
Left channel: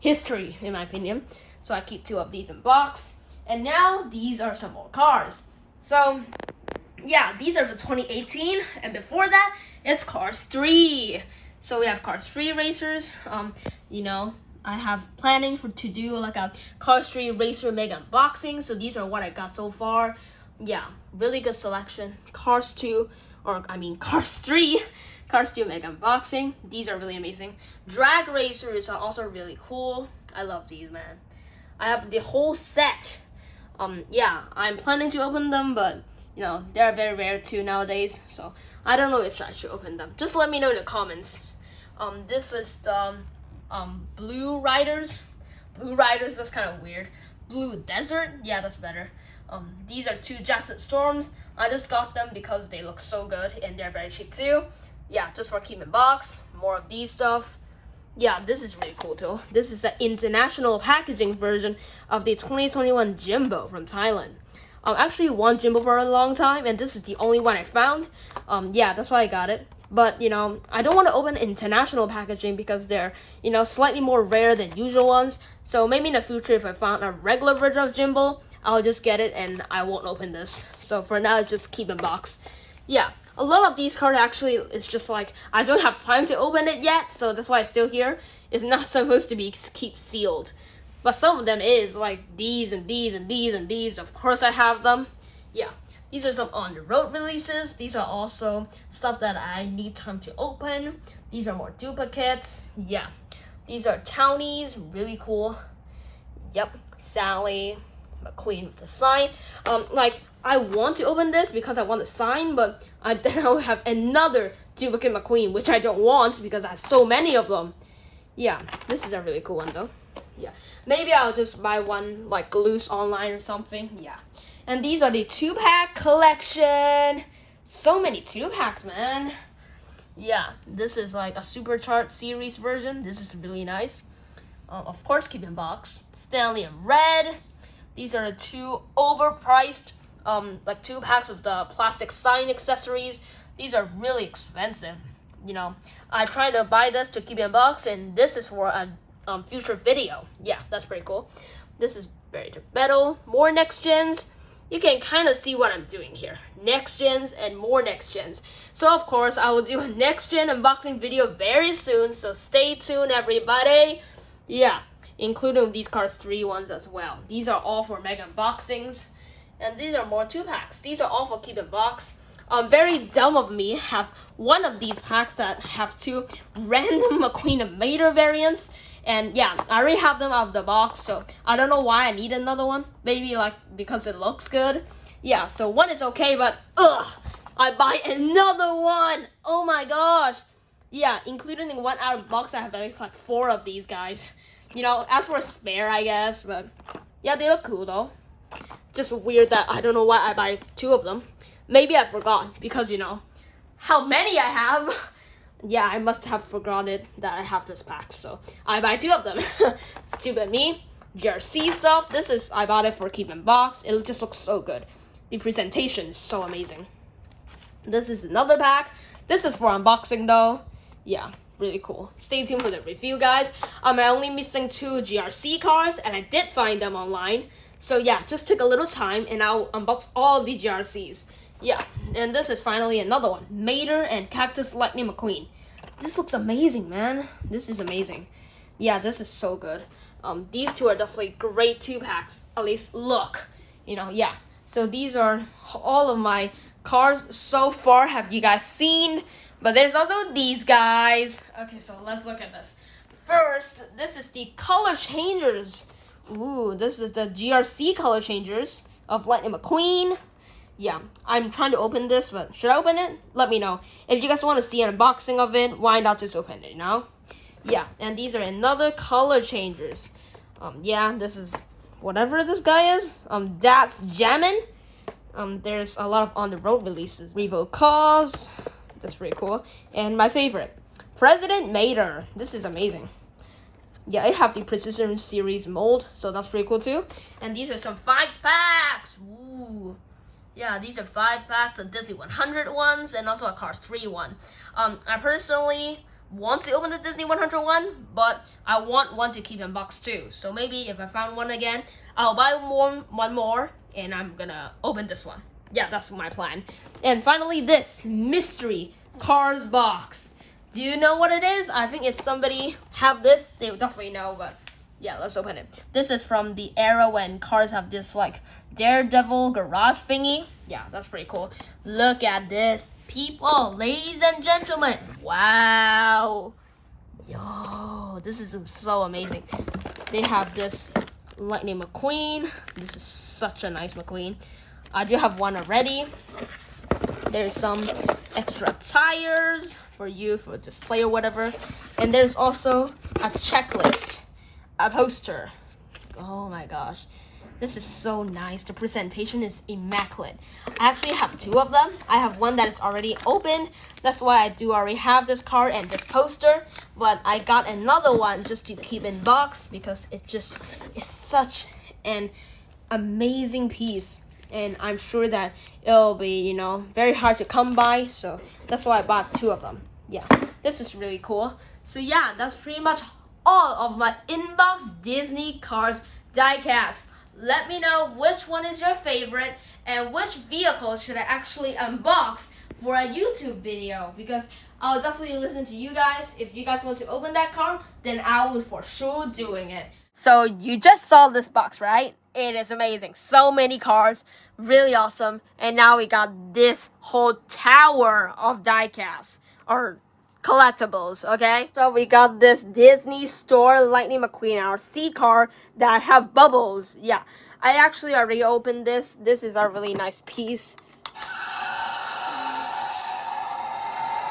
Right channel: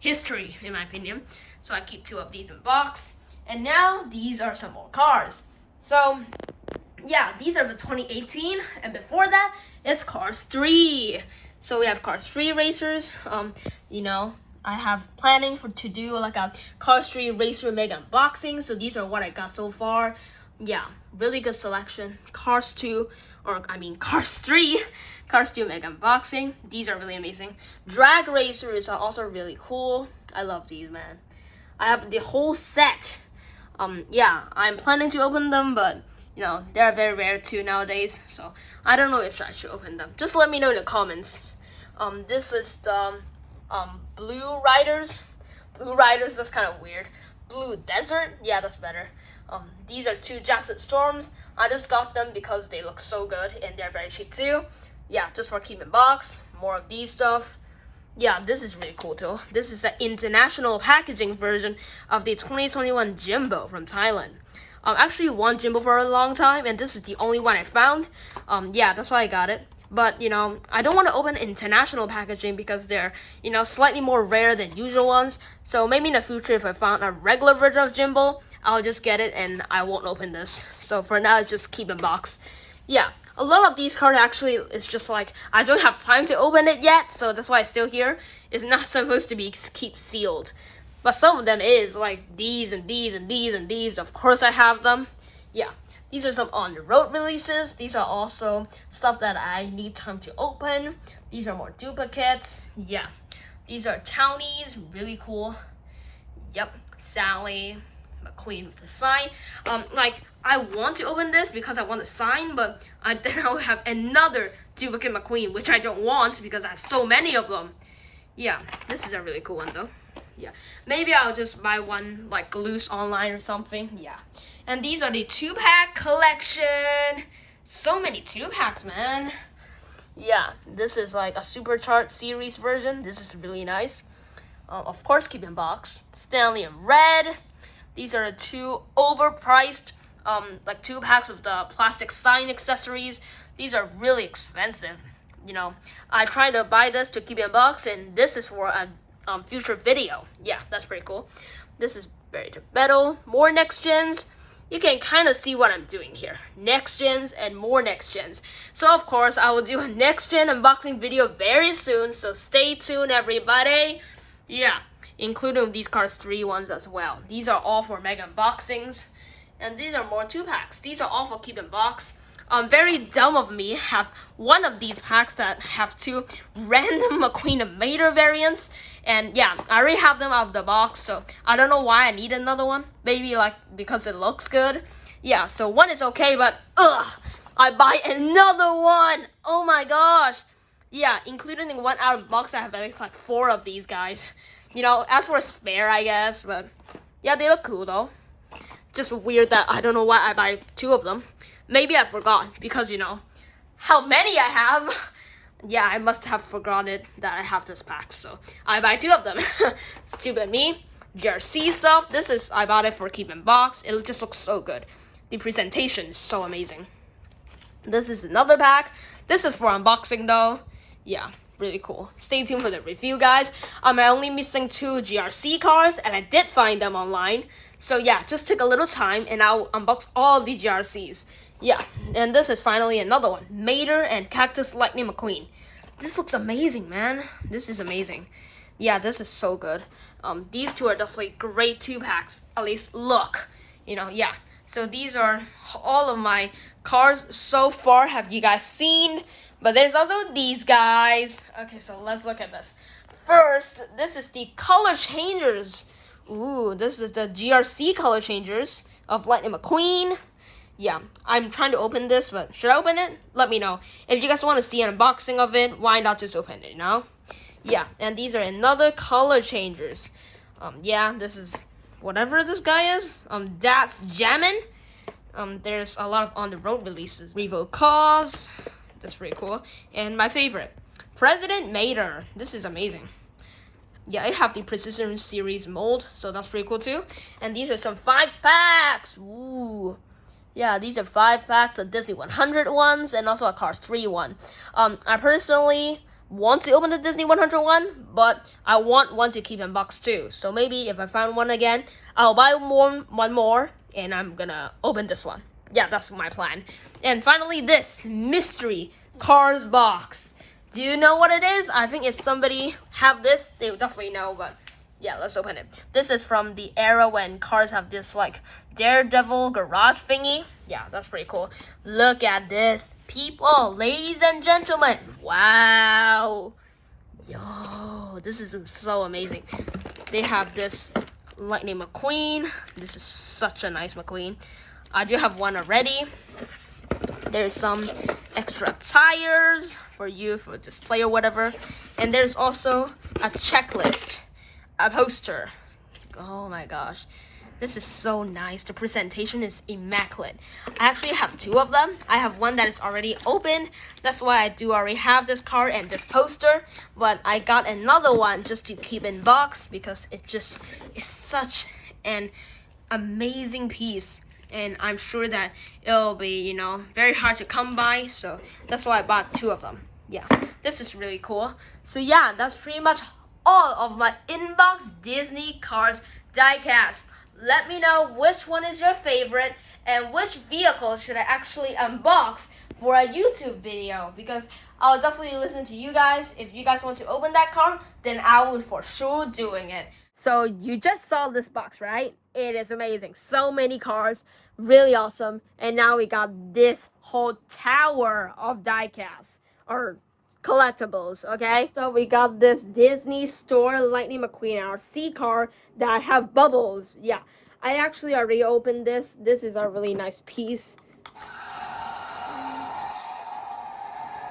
history in my opinion. So I keep two of these in box. And now these are some more cars. So yeah, these are the 2018, and before that it's Cars 3. So we have Cars 3 racers. You know, I have planning to do like a Cars 3 racer mega unboxing. So these are what I got so far. Yeah, really good selection. Cars 2, or I mean Cars 3. Cars 2 mega unboxing. These are really amazing. Drag racers are also really cool. I love these, man. I have the whole set. Yeah, I'm planning to open them, but you know, they're very rare too nowadays. So I don't know if I should open them. Just let me know in the comments. This is the Blue Riders. Blue Riders, that's kind of weird. Blue Desert, yeah, that's better. These are two Jackson Storms. I just got them because they look so good and they're very cheap too. Yeah, just for keeping box. More of these stuff. Yeah, this is really cool too. This is an international packaging version of the 2021 Jimbo from Thailand. I actually want Jimbo for a long time, and this is the only one I found. Yeah, that's why I got it. But, you know, I don't want to open international packaging because they're, you know, slightly more rare than usual ones. So maybe in the future, if I found a regular version of Jimbo, I'll just get it and I won't open this. So for now, it's just keep in box. Yeah, a lot of these cards actually is just like, I don't have time to open it yet, so that's why it's still here. It's not supposed to be keep sealed. But some of them is, like these and these and these and these. Of course I have them. Yeah. These are some on-the-road releases. These are also stuff that I need time to open. These are more duplicates. Yeah. These are townies. Really cool. Yep. Sally. McQueen with the sign. Like, I want to open this because I want the sign, but then I'll have another duplicate McQueen, which I don't want because I have so many of them. Yeah. This is a really cool one, though. Yeah. Maybe I'll just buy one, like, loose online or something. Yeah. And these are the 2-pack collection. So many 2-packs, man. Yeah, this is like a supercharged series version. This is really nice. Of course, keep in box. Stanley and Red. These are the 2 overpriced, like 2-packs with the plastic sign accessories. These are really expensive. You know, I tried to buy this to keep in box, and this is for a future video. Yeah, that's pretty cool. This is buried to metal. More next gens. You can kind of see what I'm doing here. Next gens and more next gens. So of course, I will do a next gen unboxing video very soon. So stay tuned, everybody. Yeah, including these Cars 3 ones as well. These are all for mega unboxings. And these are more 2-packs. These are all for keep in box. Very dumb of me have one of these packs that have 2 random McQueen and Mater variants. And yeah, I already have them out of the box, so I don't know why I need another one. Maybe like because it looks good. Yeah, so one is okay, but I buy another one. Oh my gosh. Yeah, including in one out of the box, I have at least like 4 of these guys. You know, as for a spare, I guess, but yeah, they look cool though. Just weird that I don't know why I buy 2 of them. Maybe I forgot because, you know, how many I have. Yeah, I must have forgotten that I have this pack, so I buy 2 of them. Stupid me. GRC stuff. This is, I bought it for keep in box. It just looks so good. The presentation is so amazing. This is another pack. This is for unboxing though. Yeah, really cool. Stay tuned for the review, guys. I'm only missing 2 GRC cards, and I did find them online. So yeah, just take a little time, and I'll unbox all of the GRCs. Yeah, and this is finally another one. Mater and Cactus Lightning McQueen. This looks amazing, man. This is amazing. Yeah, this is so good. These 2 are definitely great 2-packs. At least look. You know, yeah. So these are all of my cards so far. Have you guys seen? But there's also these guys. Okay, so let's look at this. First, this is the color changers. Ooh, this is the GRC color changers of Lightning McQueen. Yeah, I'm trying to open this, but should I open it? Let me know. If you guys want to see an unboxing of it, why not just open it, you know? Yeah, and these are another color changers. Yeah, this is whatever this guy is. That's Jammin'. There's a lot of on-the-road releases. Revo Cause. That's pretty cool. And my favorite, President Mater. This is amazing. Yeah, I have the Precision Series mold, so that's pretty cool too. And these are some 5-packs. Ooh. Yeah, these are 5-packs of Disney 100 ones and also a Cars 3 one. I personally want to open the Disney 100 one, but I want one to keep in box too. So maybe if I find one again, I'll buy one more, and I'm gonna open this one. Yeah, that's my plan. And finally, this mystery Cars box. Do you know what it is? I think if somebody have this, they will definitely know, but yeah, let's open it. This is from the era when cars have this like Daredevil garage thingy. Yeah, that's pretty cool. Look at this, people, ladies and gentlemen. Wow. Yo, this is so amazing. They have this Lightning McQueen. This is such a nice McQueen. I do have one already. There's some extra tires for you for display or whatever. And there's also a checklist. A poster. Oh my gosh, this is so nice. The presentation is immaculate. I actually have 2 of them. I have one that is already open. That's why I do already have this card and this poster. But I got another one just to keep in box because it just is such an amazing piece. and I'm sure that it'll be, you know, very hard to come by. So that's why I bought 2 of them. Yeah, this is really cool. So yeah, that's pretty much all of my inbox Disney Cars diecast. Let me know which one is your favorite and which vehicle should I actually unbox for a YouTube video, because I'll definitely listen to you guys. If you guys want to open that car, then I will for sure doing it. So you just saw this box, right? It is amazing. So many cars, really awesome. And now we got this whole tower of diecast or collectibles, okay? So we got this Disney Store Lighting McQueen RC car that have bubbles. Yeah, I actually already opened this. This is a really nice piece.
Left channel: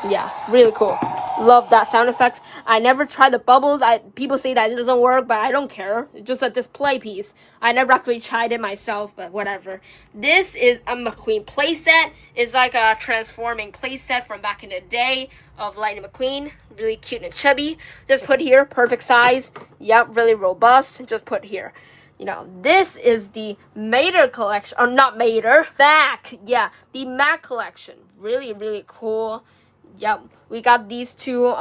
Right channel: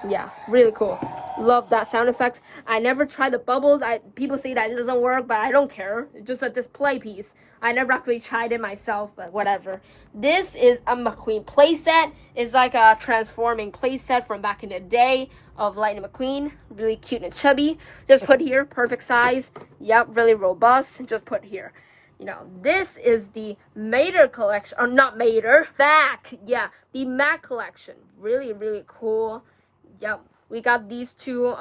Yeah, really cool. Love that sound effects. I never tried the bubbles. People say that it doesn't work, but I don't care. It's just a display piece. I never actually tried it myself, but whatever. This is a McQueen playset. It's like a transforming playset from back in the day of Lighting McQueen. Really cute and chubby. Just put here, perfect size. Yep, really robust. Just put here. You know, this is the Mater collection, or not Mater, Mac. Yeah, the Mac collection. Really, really cool. Yep, we got these 2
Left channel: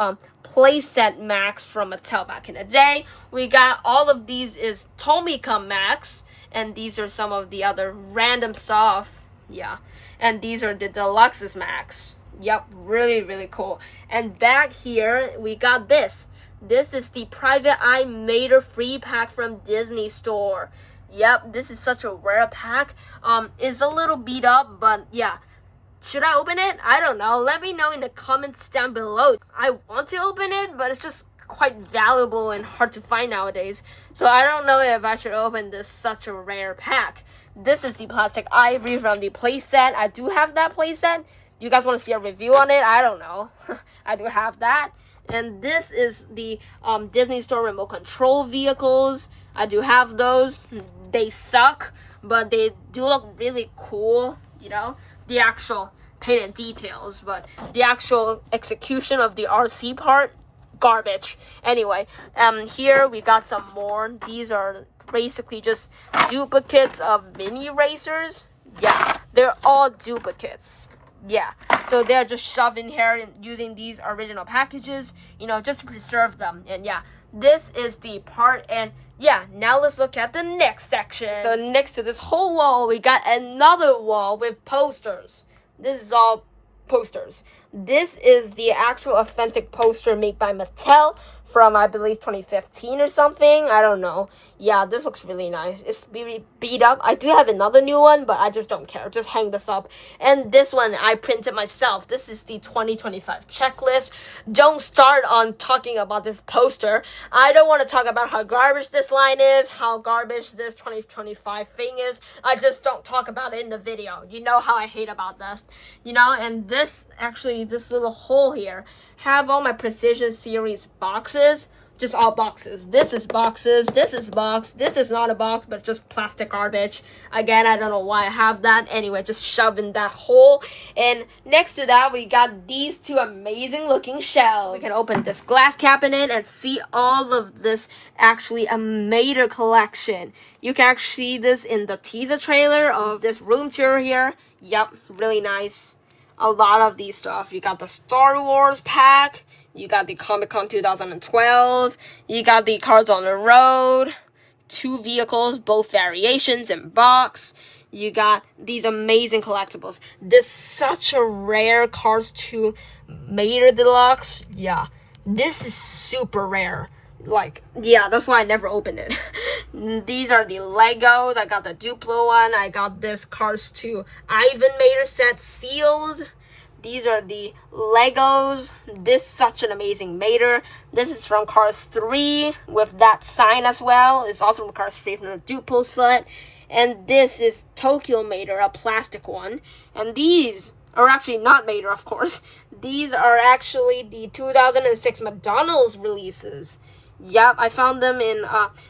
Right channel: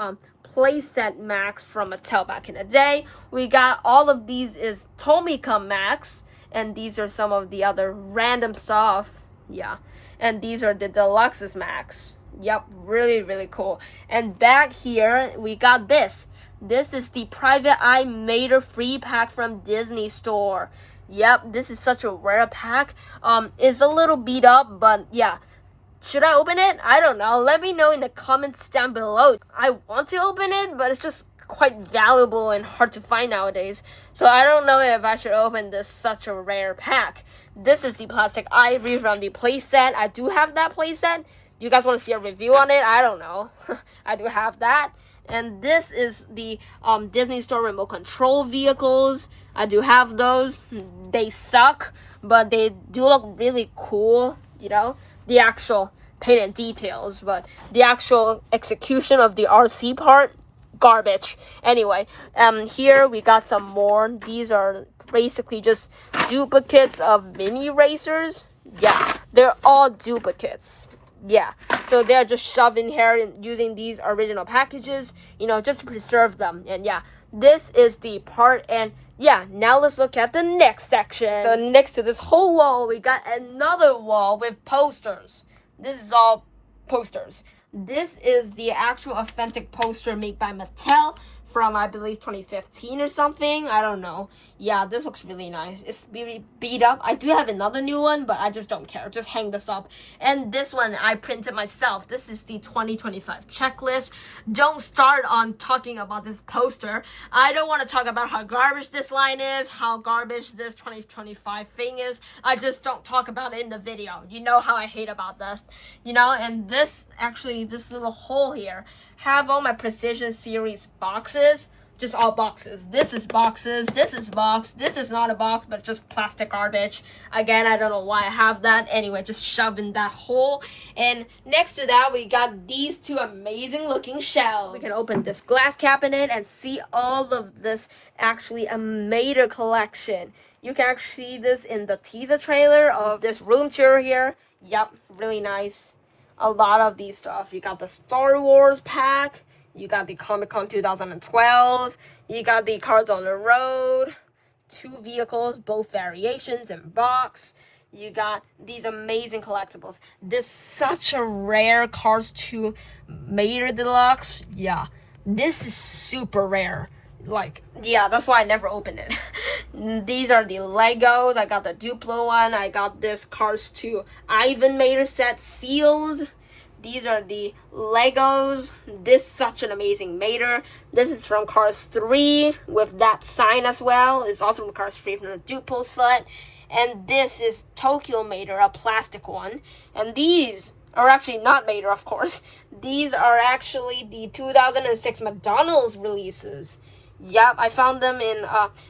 playset Macs from Mattel back in the day. We got all of these is Tomica Macs, and these are some of the other random stuff. Yeah, and these are the Deluxes Macs. Yep, really, really cool. And back here, we got this. This is the Private Eye Mater free pack from Disney Store. Yep, this is such a rare pack. It's a little beat up, but yeah. Should I open it? I don't know. Let me know in the comments down below. I want to open it, but it's just quite valuable and hard to find nowadays. So I don't know if I should open this such a rare pack. This is the plastic ivory from the playset. I do have that playset. Do you guys want to see a review on it? I don't know. I do have that. And this is the Disney Store remote control vehicles. I do have those. They suck, but they do look really cool, you know. The actual painted details, but the actual execution of the RC part, garbage. Anyway, here we got some more. These are basically just duplicates of mini racers. Yeah, they're all duplicates. Yeah, so they're just shoved in here and using these original packages, you know, just to preserve them. And yeah, this is the part. And yeah, now let's look at the next section. So next to this whole wall, we got another wall with posters. This is all posters. This is the actual authentic poster made by Mattel from, I believe, 2015 or something. I don't know. Yeah, this looks really nice. It's really beat up. I do have another new one, but I just don't care. Just hang this up. And this one I printed myself. This is the 2025 checklist. Don't start on talking about this poster. I don't want to talk about how garbage this line is, how garbage this 2025 thing is. I just don't talk about it in the video. You know how I hate about this. You know, and this, actually, this little hole here, have all my Precision Series boxes. Just all boxes. This is boxes. This is box. This is not a box, but just plastic garbage. Again, I don't know why I have that. Anyway, just shove in that hole. And next to that, we got these 2 amazing looking shelves. We can open this glass cabinet and see all of this actually a Mater collection. You can actually see this in the teaser trailer of this room tour here. Yep, really nice. A lot of these stuff. You got the Star Wars pack. You got the Comic-Con 2012. You got the Cars on the Road. 2 vehicles, both variations in box. You got these amazing collectibles. This is such a rare Cars 2 Mater Deluxe. Yeah, this is super rare. Like, yeah, that's why I never opened it. These are the Legos. I got the Duplo one. I got this Cars 2 Ivan Mater set sealed. These are the Legos. This is such an amazing Mater. This is from Cars 3 with that sign as well. It's also from Cars 3 from the Duplo set. And this is Tokyo Mater, a plastic one. And these are actually not Mater, of course. These are actually the 2006 McDonald's releases. Yep, I found them in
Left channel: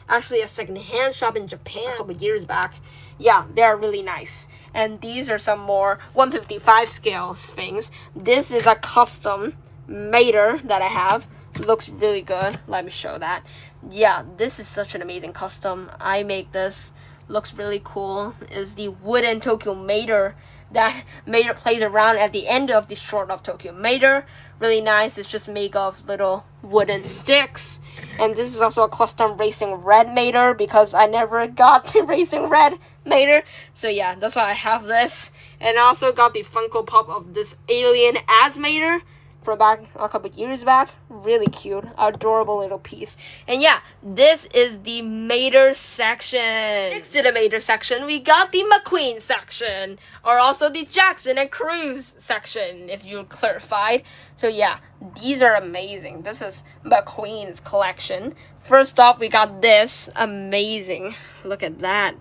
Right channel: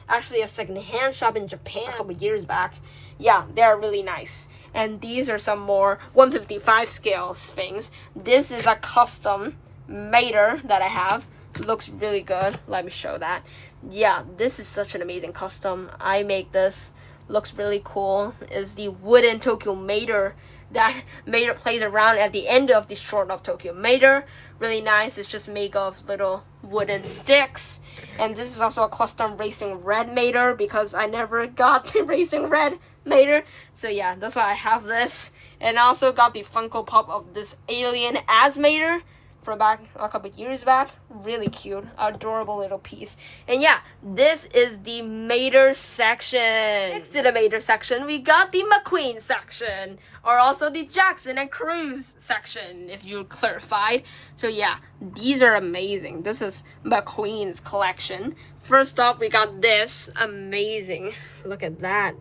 actually a secondhand shop in Japan a couple years back. Yeah, they're really nice. And these are some more 155 scale things. This is a custom Mater that I have. Looks really good. Let me show that. Yeah, this is such an amazing custom. I make this looks really cool is the wooden Tokyo Mater that Mater plays around at the end of the short of Tokyo Mater. Really nice. It's just made of little wooden sticks. And this is also a custom Racing Red Mater because I never got the Racing Red Mater. So yeah, that's why I have this. And I also got the Funko Pop of this alien as Mater from back a couple years back. Really cute, adorable little piece. And yeah, this is the Mater section. Next to the Mater section, we got the McQueen section, or also the Jackson and Cruz section, if you clarified. So yeah, these are amazing. This is McQueen's collection. First off, we got this amazing. Look at that.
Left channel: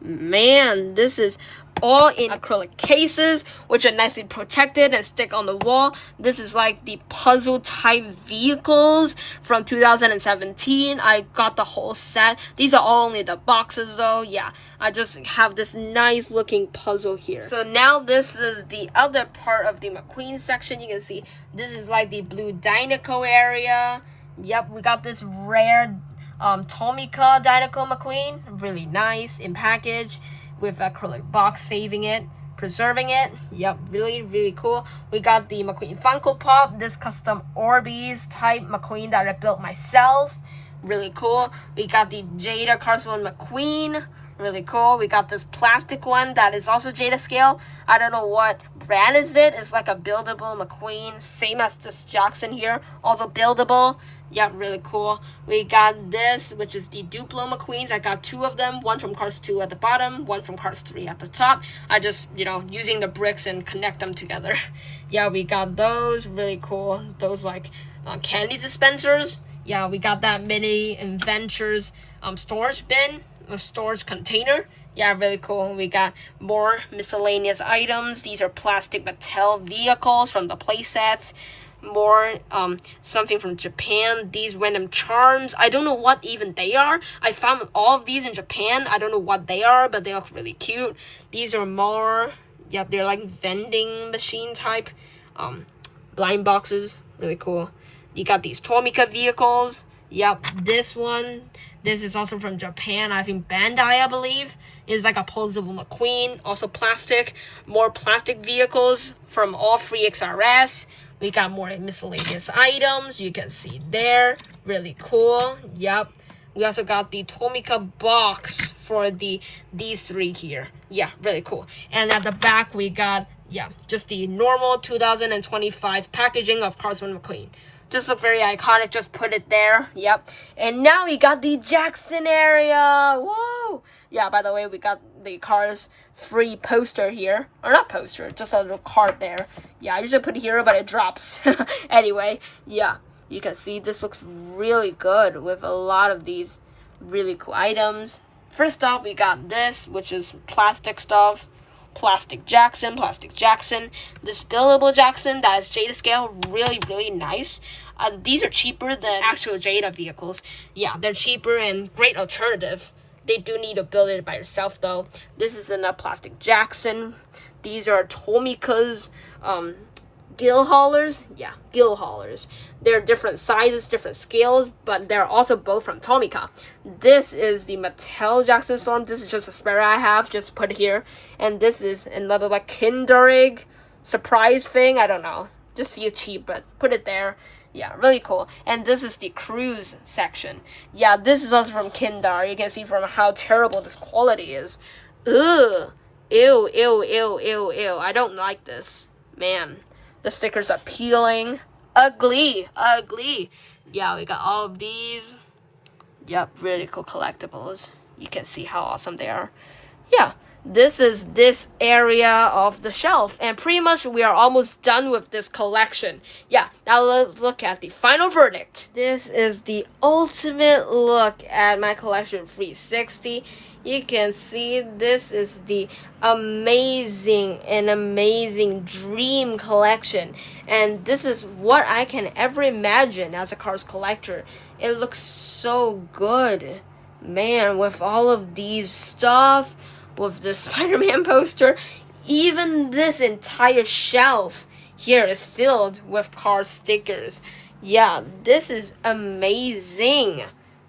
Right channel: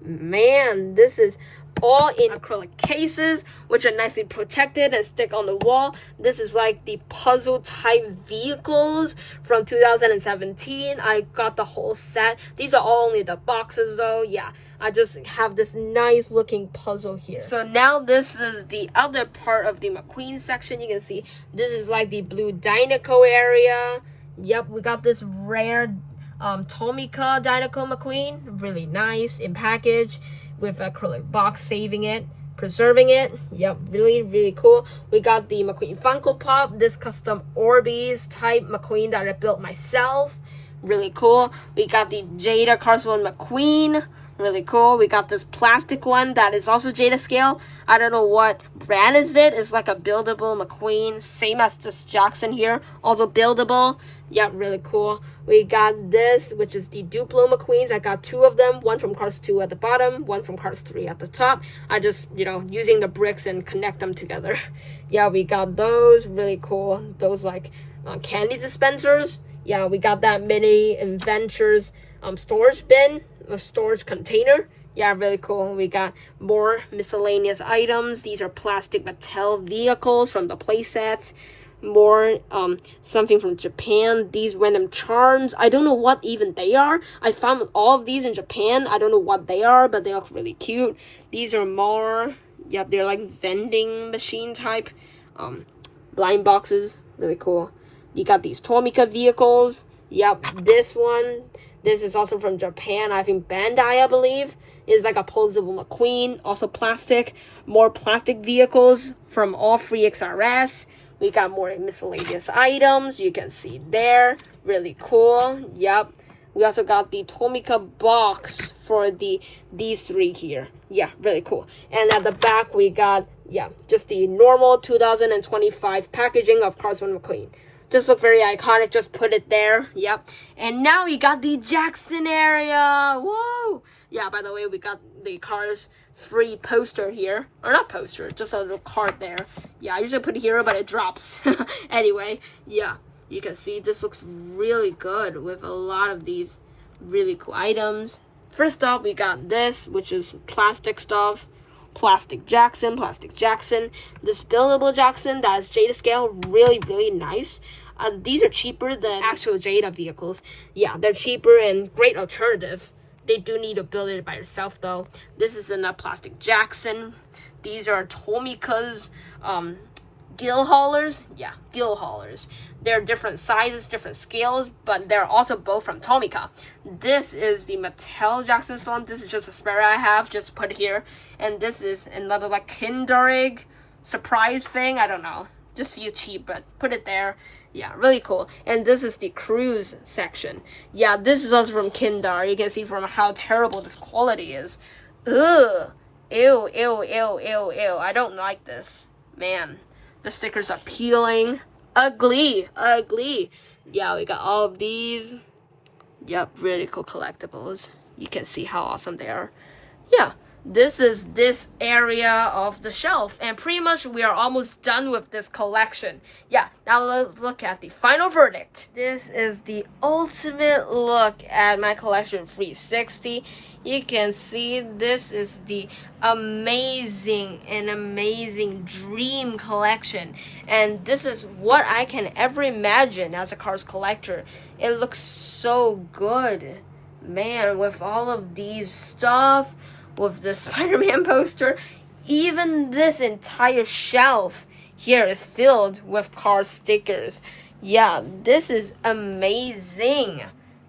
Man, this is all in acrylic cases, which are nicely protected and stick on the wall. This is like the puzzle type vehicles from 2017. I got the whole set. These are all only the boxes though. Yeah, I just have this nice looking puzzle here. So now this is the other part of the McQueen section. You can see this is like the blue Dinoco area. Yep, we got this rare Tomica Dinoco McQueen. Really nice in package, with acrylic box saving it, preserving it. Yep, really, really cool. We got the McQueen Funko Pop, this custom Orbeez type McQueen that I built myself. Really cool. We got the Jada Carswell McQueen. Really cool. We got this plastic one that is also Jada scale. I don't know what brand is it. It's like a buildable McQueen, same as this Jackson here, also buildable. Yeah, really cool. We got this, which is the Duplo McQueens. I got two of them, one from Cars 2 at the bottom, one from Cars 3 at the top. I just, using the bricks and connect them together. Yeah, we got those, really cool. Those like candy dispensers. Yeah, we got that mini Adventures storage bin or storage container. Yeah, really cool. We got more miscellaneous items. These are plastic Mattel vehicles from the playsets. More something from Japan. These random charms. I don't know what even they are. I found all of these in Japan. I don't know what they are, but they look really cute. These are more, yeah, they're like vending machine type blind boxes. Really cool. You got these Tomica vehicles. Yep, this is also from Japan. I think Bandai, I believe, is like a posable McQueen. Also plastic. More plastic vehicles from all free XRS. We got more miscellaneous items. You can see there. Really cool. Yep. We also got the Tomica box for these three here. Yeah, really cool. And at the back, we got, yeah, just the normal 2025 packaging of Carswell McQueen. Just look very iconic. Just put it there. Yep. And now we got the Jackson area. Whoa. Yeah, by the way, we got the Cars 3 poster here. Or not poster, just a little card there. Yeah, I usually put it here, but it drops. Anyway, yeah. You can see this looks really good with a lot of these really cool items. First off, we got this, which is plastic stuff. Plastic Jackson. This buildable Jackson that is Jada scale, really, really nice. These are cheaper than actual Jada vehicles. Yeah, they're cheaper and great alternative. They do need to build it by yourself though. This is a plastic Jackson. These are Tomica's gill haulers. Yeah, gill haulers. They're different sizes, different scales, but they're also both from Tomica. This is the Mattel Jackson Storm. This is just a spare I have, just put here. And this is another like Kinder Egg surprise thing. I don't know. Just feel cheap, but put it there. Yeah, really cool. And this is the Cruise section. Yeah, this is also from Kinder. You can see from how terrible this quality is. Ugh. Ew. I don't like this. Man, the stickers are peeling. Ugly. Yeah, we got all of these. Yep, really cool collectibles. You can see how awesome they are. Yeah, this is this area of the shelf, and pretty much we are almost done with this collection. Yeah, now let's look at the final verdict. This is the ultimate look at my collection 360. You can see this is the amazing dream collection, and this is what I can ever imagine as a cars collector. It looks so good, man, with all of these stuff, with the Spider-Man poster. Even this entire shelf here is filled with car stickers. Yeah, this is amazing.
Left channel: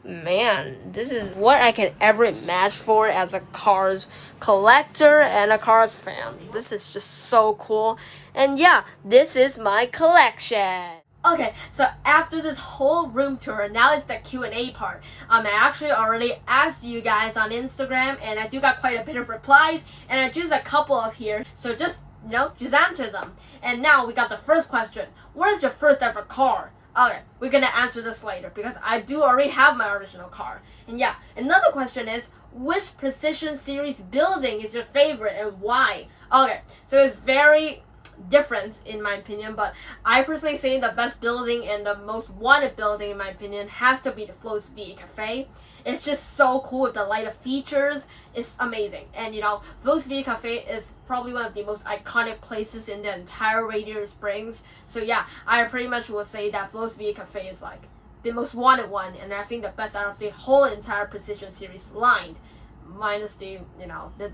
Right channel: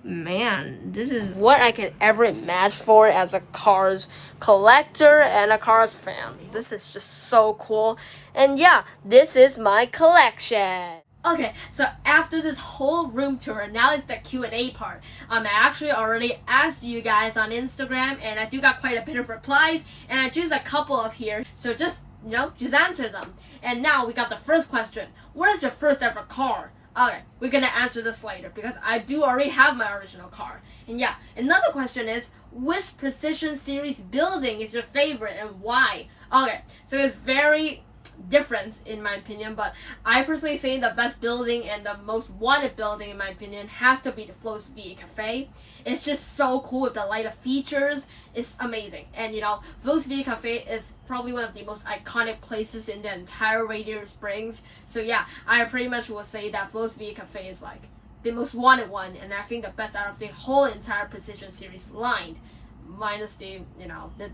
Man, this is what I can ever imagine for as a Cars collector and a Cars fan. This is just so cool. And yeah, this is my collection. Okay, so after this whole room tour, now it's the Q&A part. I actually already asked you guys on Instagram, and I do got quite a bit of replies, and I choose a couple of here, so just answer them. And now we got the first question. What is your first ever car? Okay, we're gonna answer this later because I do already have my original car. And yeah, another question is, which Precision Series building is your favorite and why? Okay, so it's very different in my opinion, but I personally say the best building and the most wanted building in my opinion has to be the Flo's V Cafe. It's just so cool with the lighter features. It's amazing. And Flo's V Cafe is probably one of the most iconic places in the entire Radiator Springs. So yeah, I pretty much will say that Flo's V Cafe is like the most wanted one, and I think the best out of the whole entire Precision Series line. Minus the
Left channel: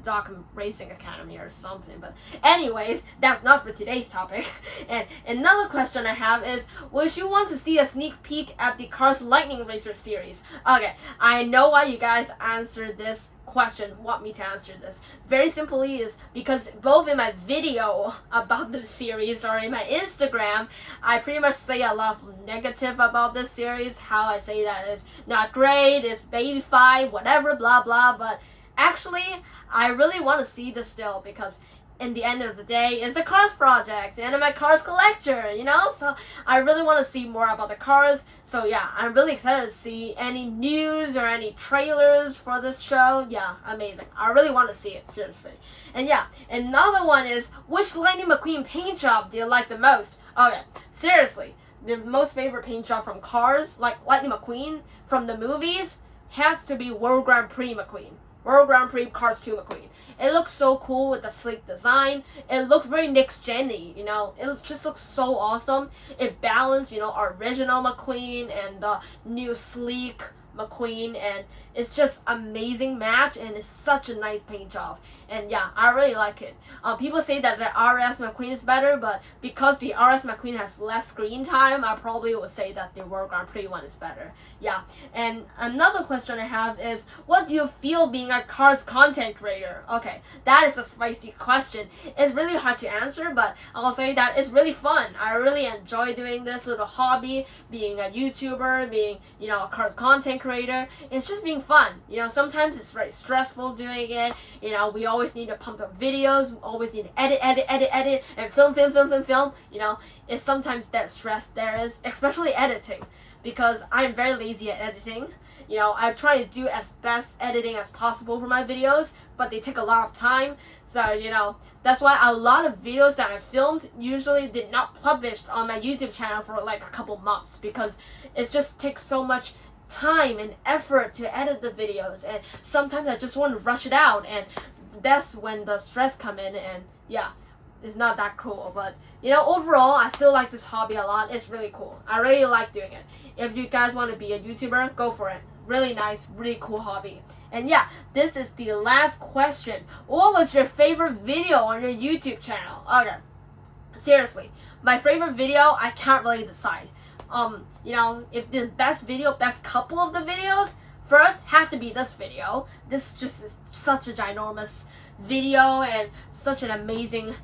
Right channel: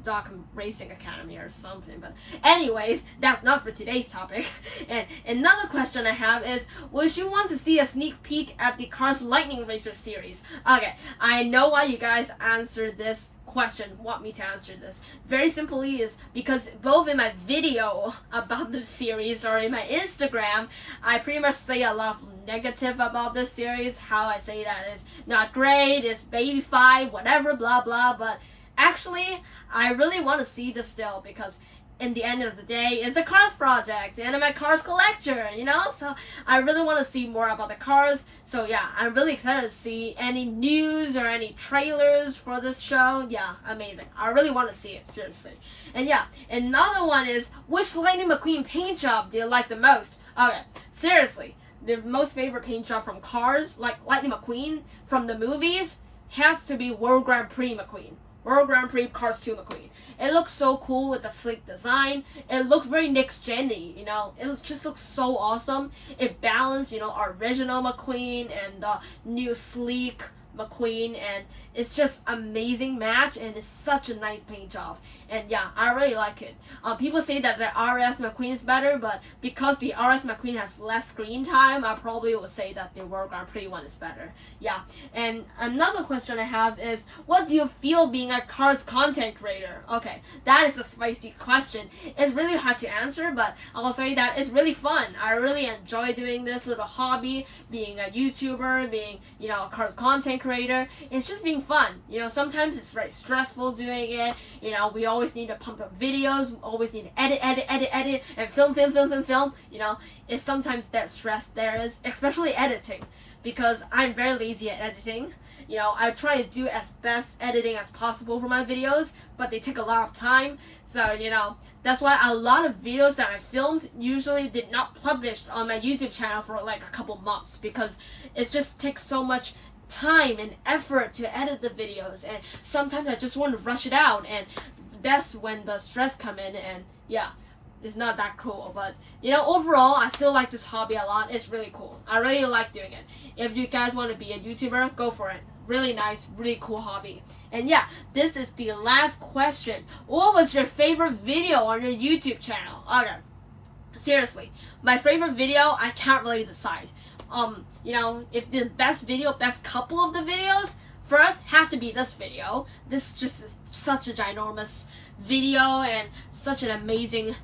Doc Racing Academy or something. But anyways, that's not for today's topic. And another question I have is, would you want to see a sneak peek at the Cars Lightning Racer series? Okay, I know why you guys answered this question, want me to answer this. Very simply is because both in my video about the series or in my Instagram, I pretty much say a lot of negative about this series, how I say that it's not great, it's baby-fied, whatever, blah blah, but actually I really want to see this still because in the end of the day, it's a Cars project and I'm a Cars collector, so I really want to see more about the Cars. So yeah, I'm really excited to see any news or any trailers for this show. Yeah, amazing. I really want to see it, seriously. And yeah, another one is, which Lighting McQueen paint job do you like the most? Okay, seriously, the most favorite paint job from Cars, like Lighting McQueen from the movies, has to be World Grand Prix McQueen. World Grand Prix Cars 2 McQueen. It looks so cool with the sleek design. It looks very next-gen-y, It just looks so awesome. It balanced, original McQueen and the new sleek McQueen, and it's just amazing match, and it's such a nice paint job. And yeah, I really like it. People say that the RS McQueen is better, but because the RS McQueen has less screen time, I probably would say that the World Grand Prix one is better. Yeah, and another question I have is, what do you feel being a Cars content creator? Okay, that is a spicy question. It's really hard to answer, but I'll say that it's really fun. I really enjoy doing this little hobby, being a YouTuber, being, a Cars content creator. It's just being fun. Sometimes it's very stressful doing it. We always need to pump up videos, always need to edit, and film. It's sometimes that stress there is, especially editing, because I'm very lazy at editing. I try to do as best editing as possible for my videos, but they take a lot of time. So, that's why a lot of videos that I filmed usually did not publish on my YouTube channel for like a couple months, because it just takes so much time and effort to edit the videos, and sometimes I just want to rush it out, and that's when the stress come in, and yeah, it's not that cool. But overall, I still like this hobby a lot. It's really cool. I really like doing it. If you guys want to be a YouTuber, go for it. Really nice, really cool hobby. And yeah, this is the last question. What was your favorite video on your YouTube channel? Okay, seriously, my favorite video, I can't really decide. If the best couple of the videos, first has to be this video. This just is such a ginormous video and such an amazing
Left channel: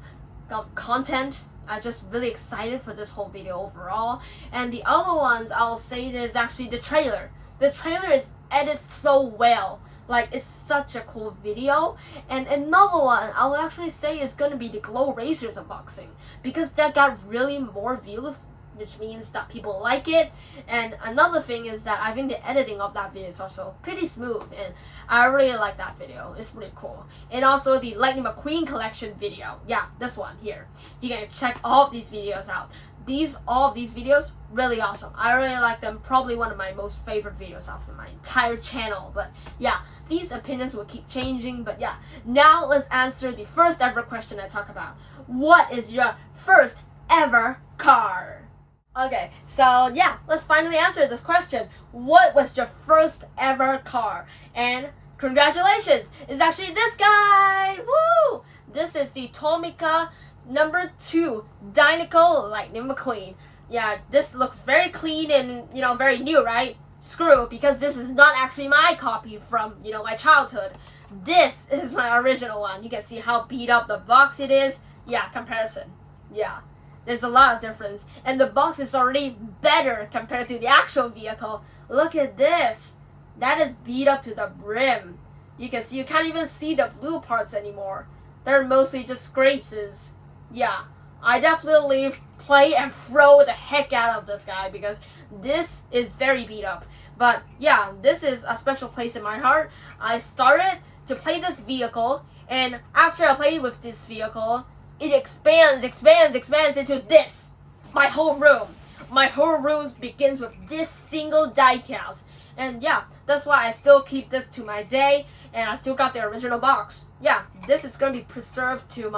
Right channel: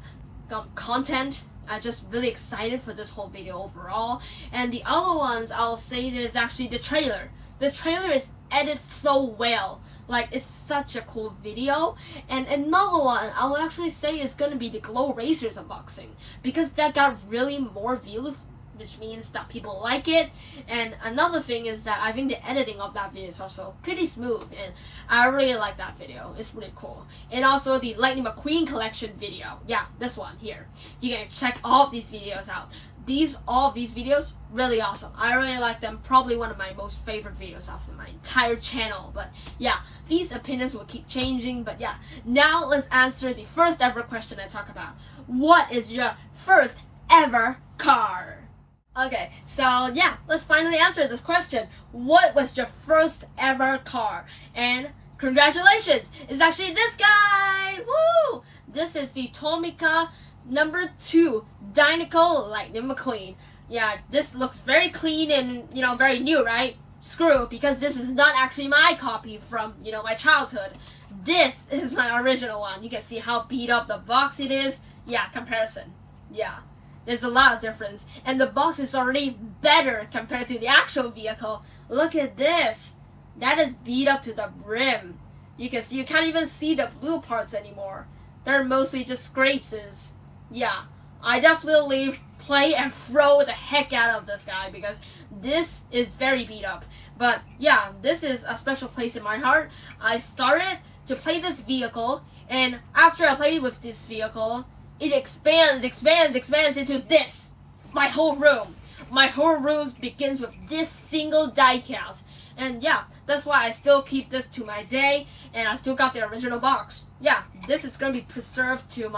content. I'm just really excited for this whole video overall. And the other ones I'll say is actually the trailer. The trailer is edited so well. Like, it's such a cool video. And another one I'll actually say is gonna be the Glow Racers unboxing, because that got really more views, which means that people like it. And another thing is that I think the editing of that video is also pretty smooth, and I really like that video. It's really cool. And also the Lighting McQueen collection video. Yeah, this one here. You can check all of these videos out. All of these videos, really awesome. I really like them. Probably one of my most favorite videos of my entire channel. But yeah, these opinions will keep changing. But yeah, now let's answer the first ever question I talk about. What is your first ever car? Okay, so yeah, let's finally answer this question. What was your first ever car? And congratulations, it's actually this guy! Woo! This is the Tomica number 2 Dynaco Lightning McQueen. Yeah, this looks very clean and, very new, right? screw, because this is not actually my copy from, you know, my childhood. This is my original one. You can see how beat up the box it is. Yeah, comparison. Yeah, there's a lot of difference. And the box is already better compared to the actual vehicle. Look at this. That is beat up to the brim. You can see, you can't even see the blue parts anymore. They're mostly just scrapes. Yeah, I definitely play and throw the heck out of this guy because this is very beat up. But yeah, this is a special place in my heart. I started to play this vehicle, and after I played with this vehicle, it expands into this. My whole room. My whole room begins with this single diecast. And yeah, that's why I still keep this to my day, and I still got the original box. Yeah, this is gonna be preserved to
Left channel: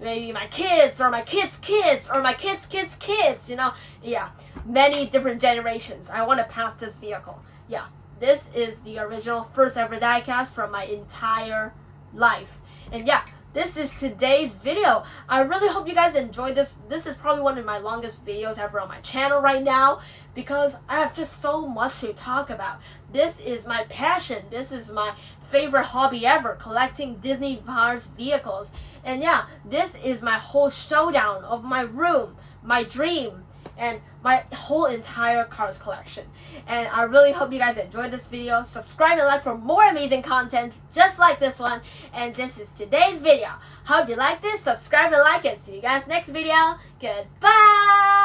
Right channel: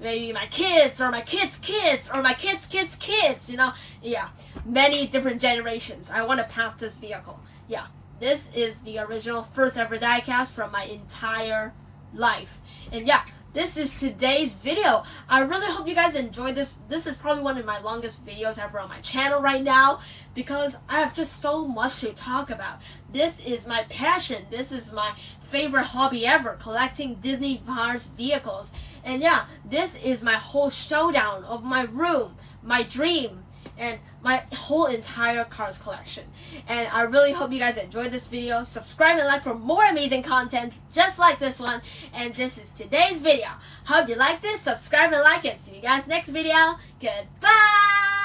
maybe my kids, or my kids' kids, or my kids' kids' kids, you know? Yeah, many different generations. I want to pass this vehicle. Yeah, this is the original first ever diecast from my entire life. And yeah, this is today's video. I really hope you guys enjoyed this. This is probably one of my longest videos ever on my channel right now because I have just so much to talk about. This is my passion. This is my favorite hobby ever, collecting Disney Cars vehicles. And yeah, this is my whole showdown of my room, my dream, and my whole entire Cars collection. And I really hope you guys enjoyed this video. Subscribe and like for more amazing content just like this one. And this is today's video. Hope you liked this. Subscribe and like, and see you guys next video. Goodbye!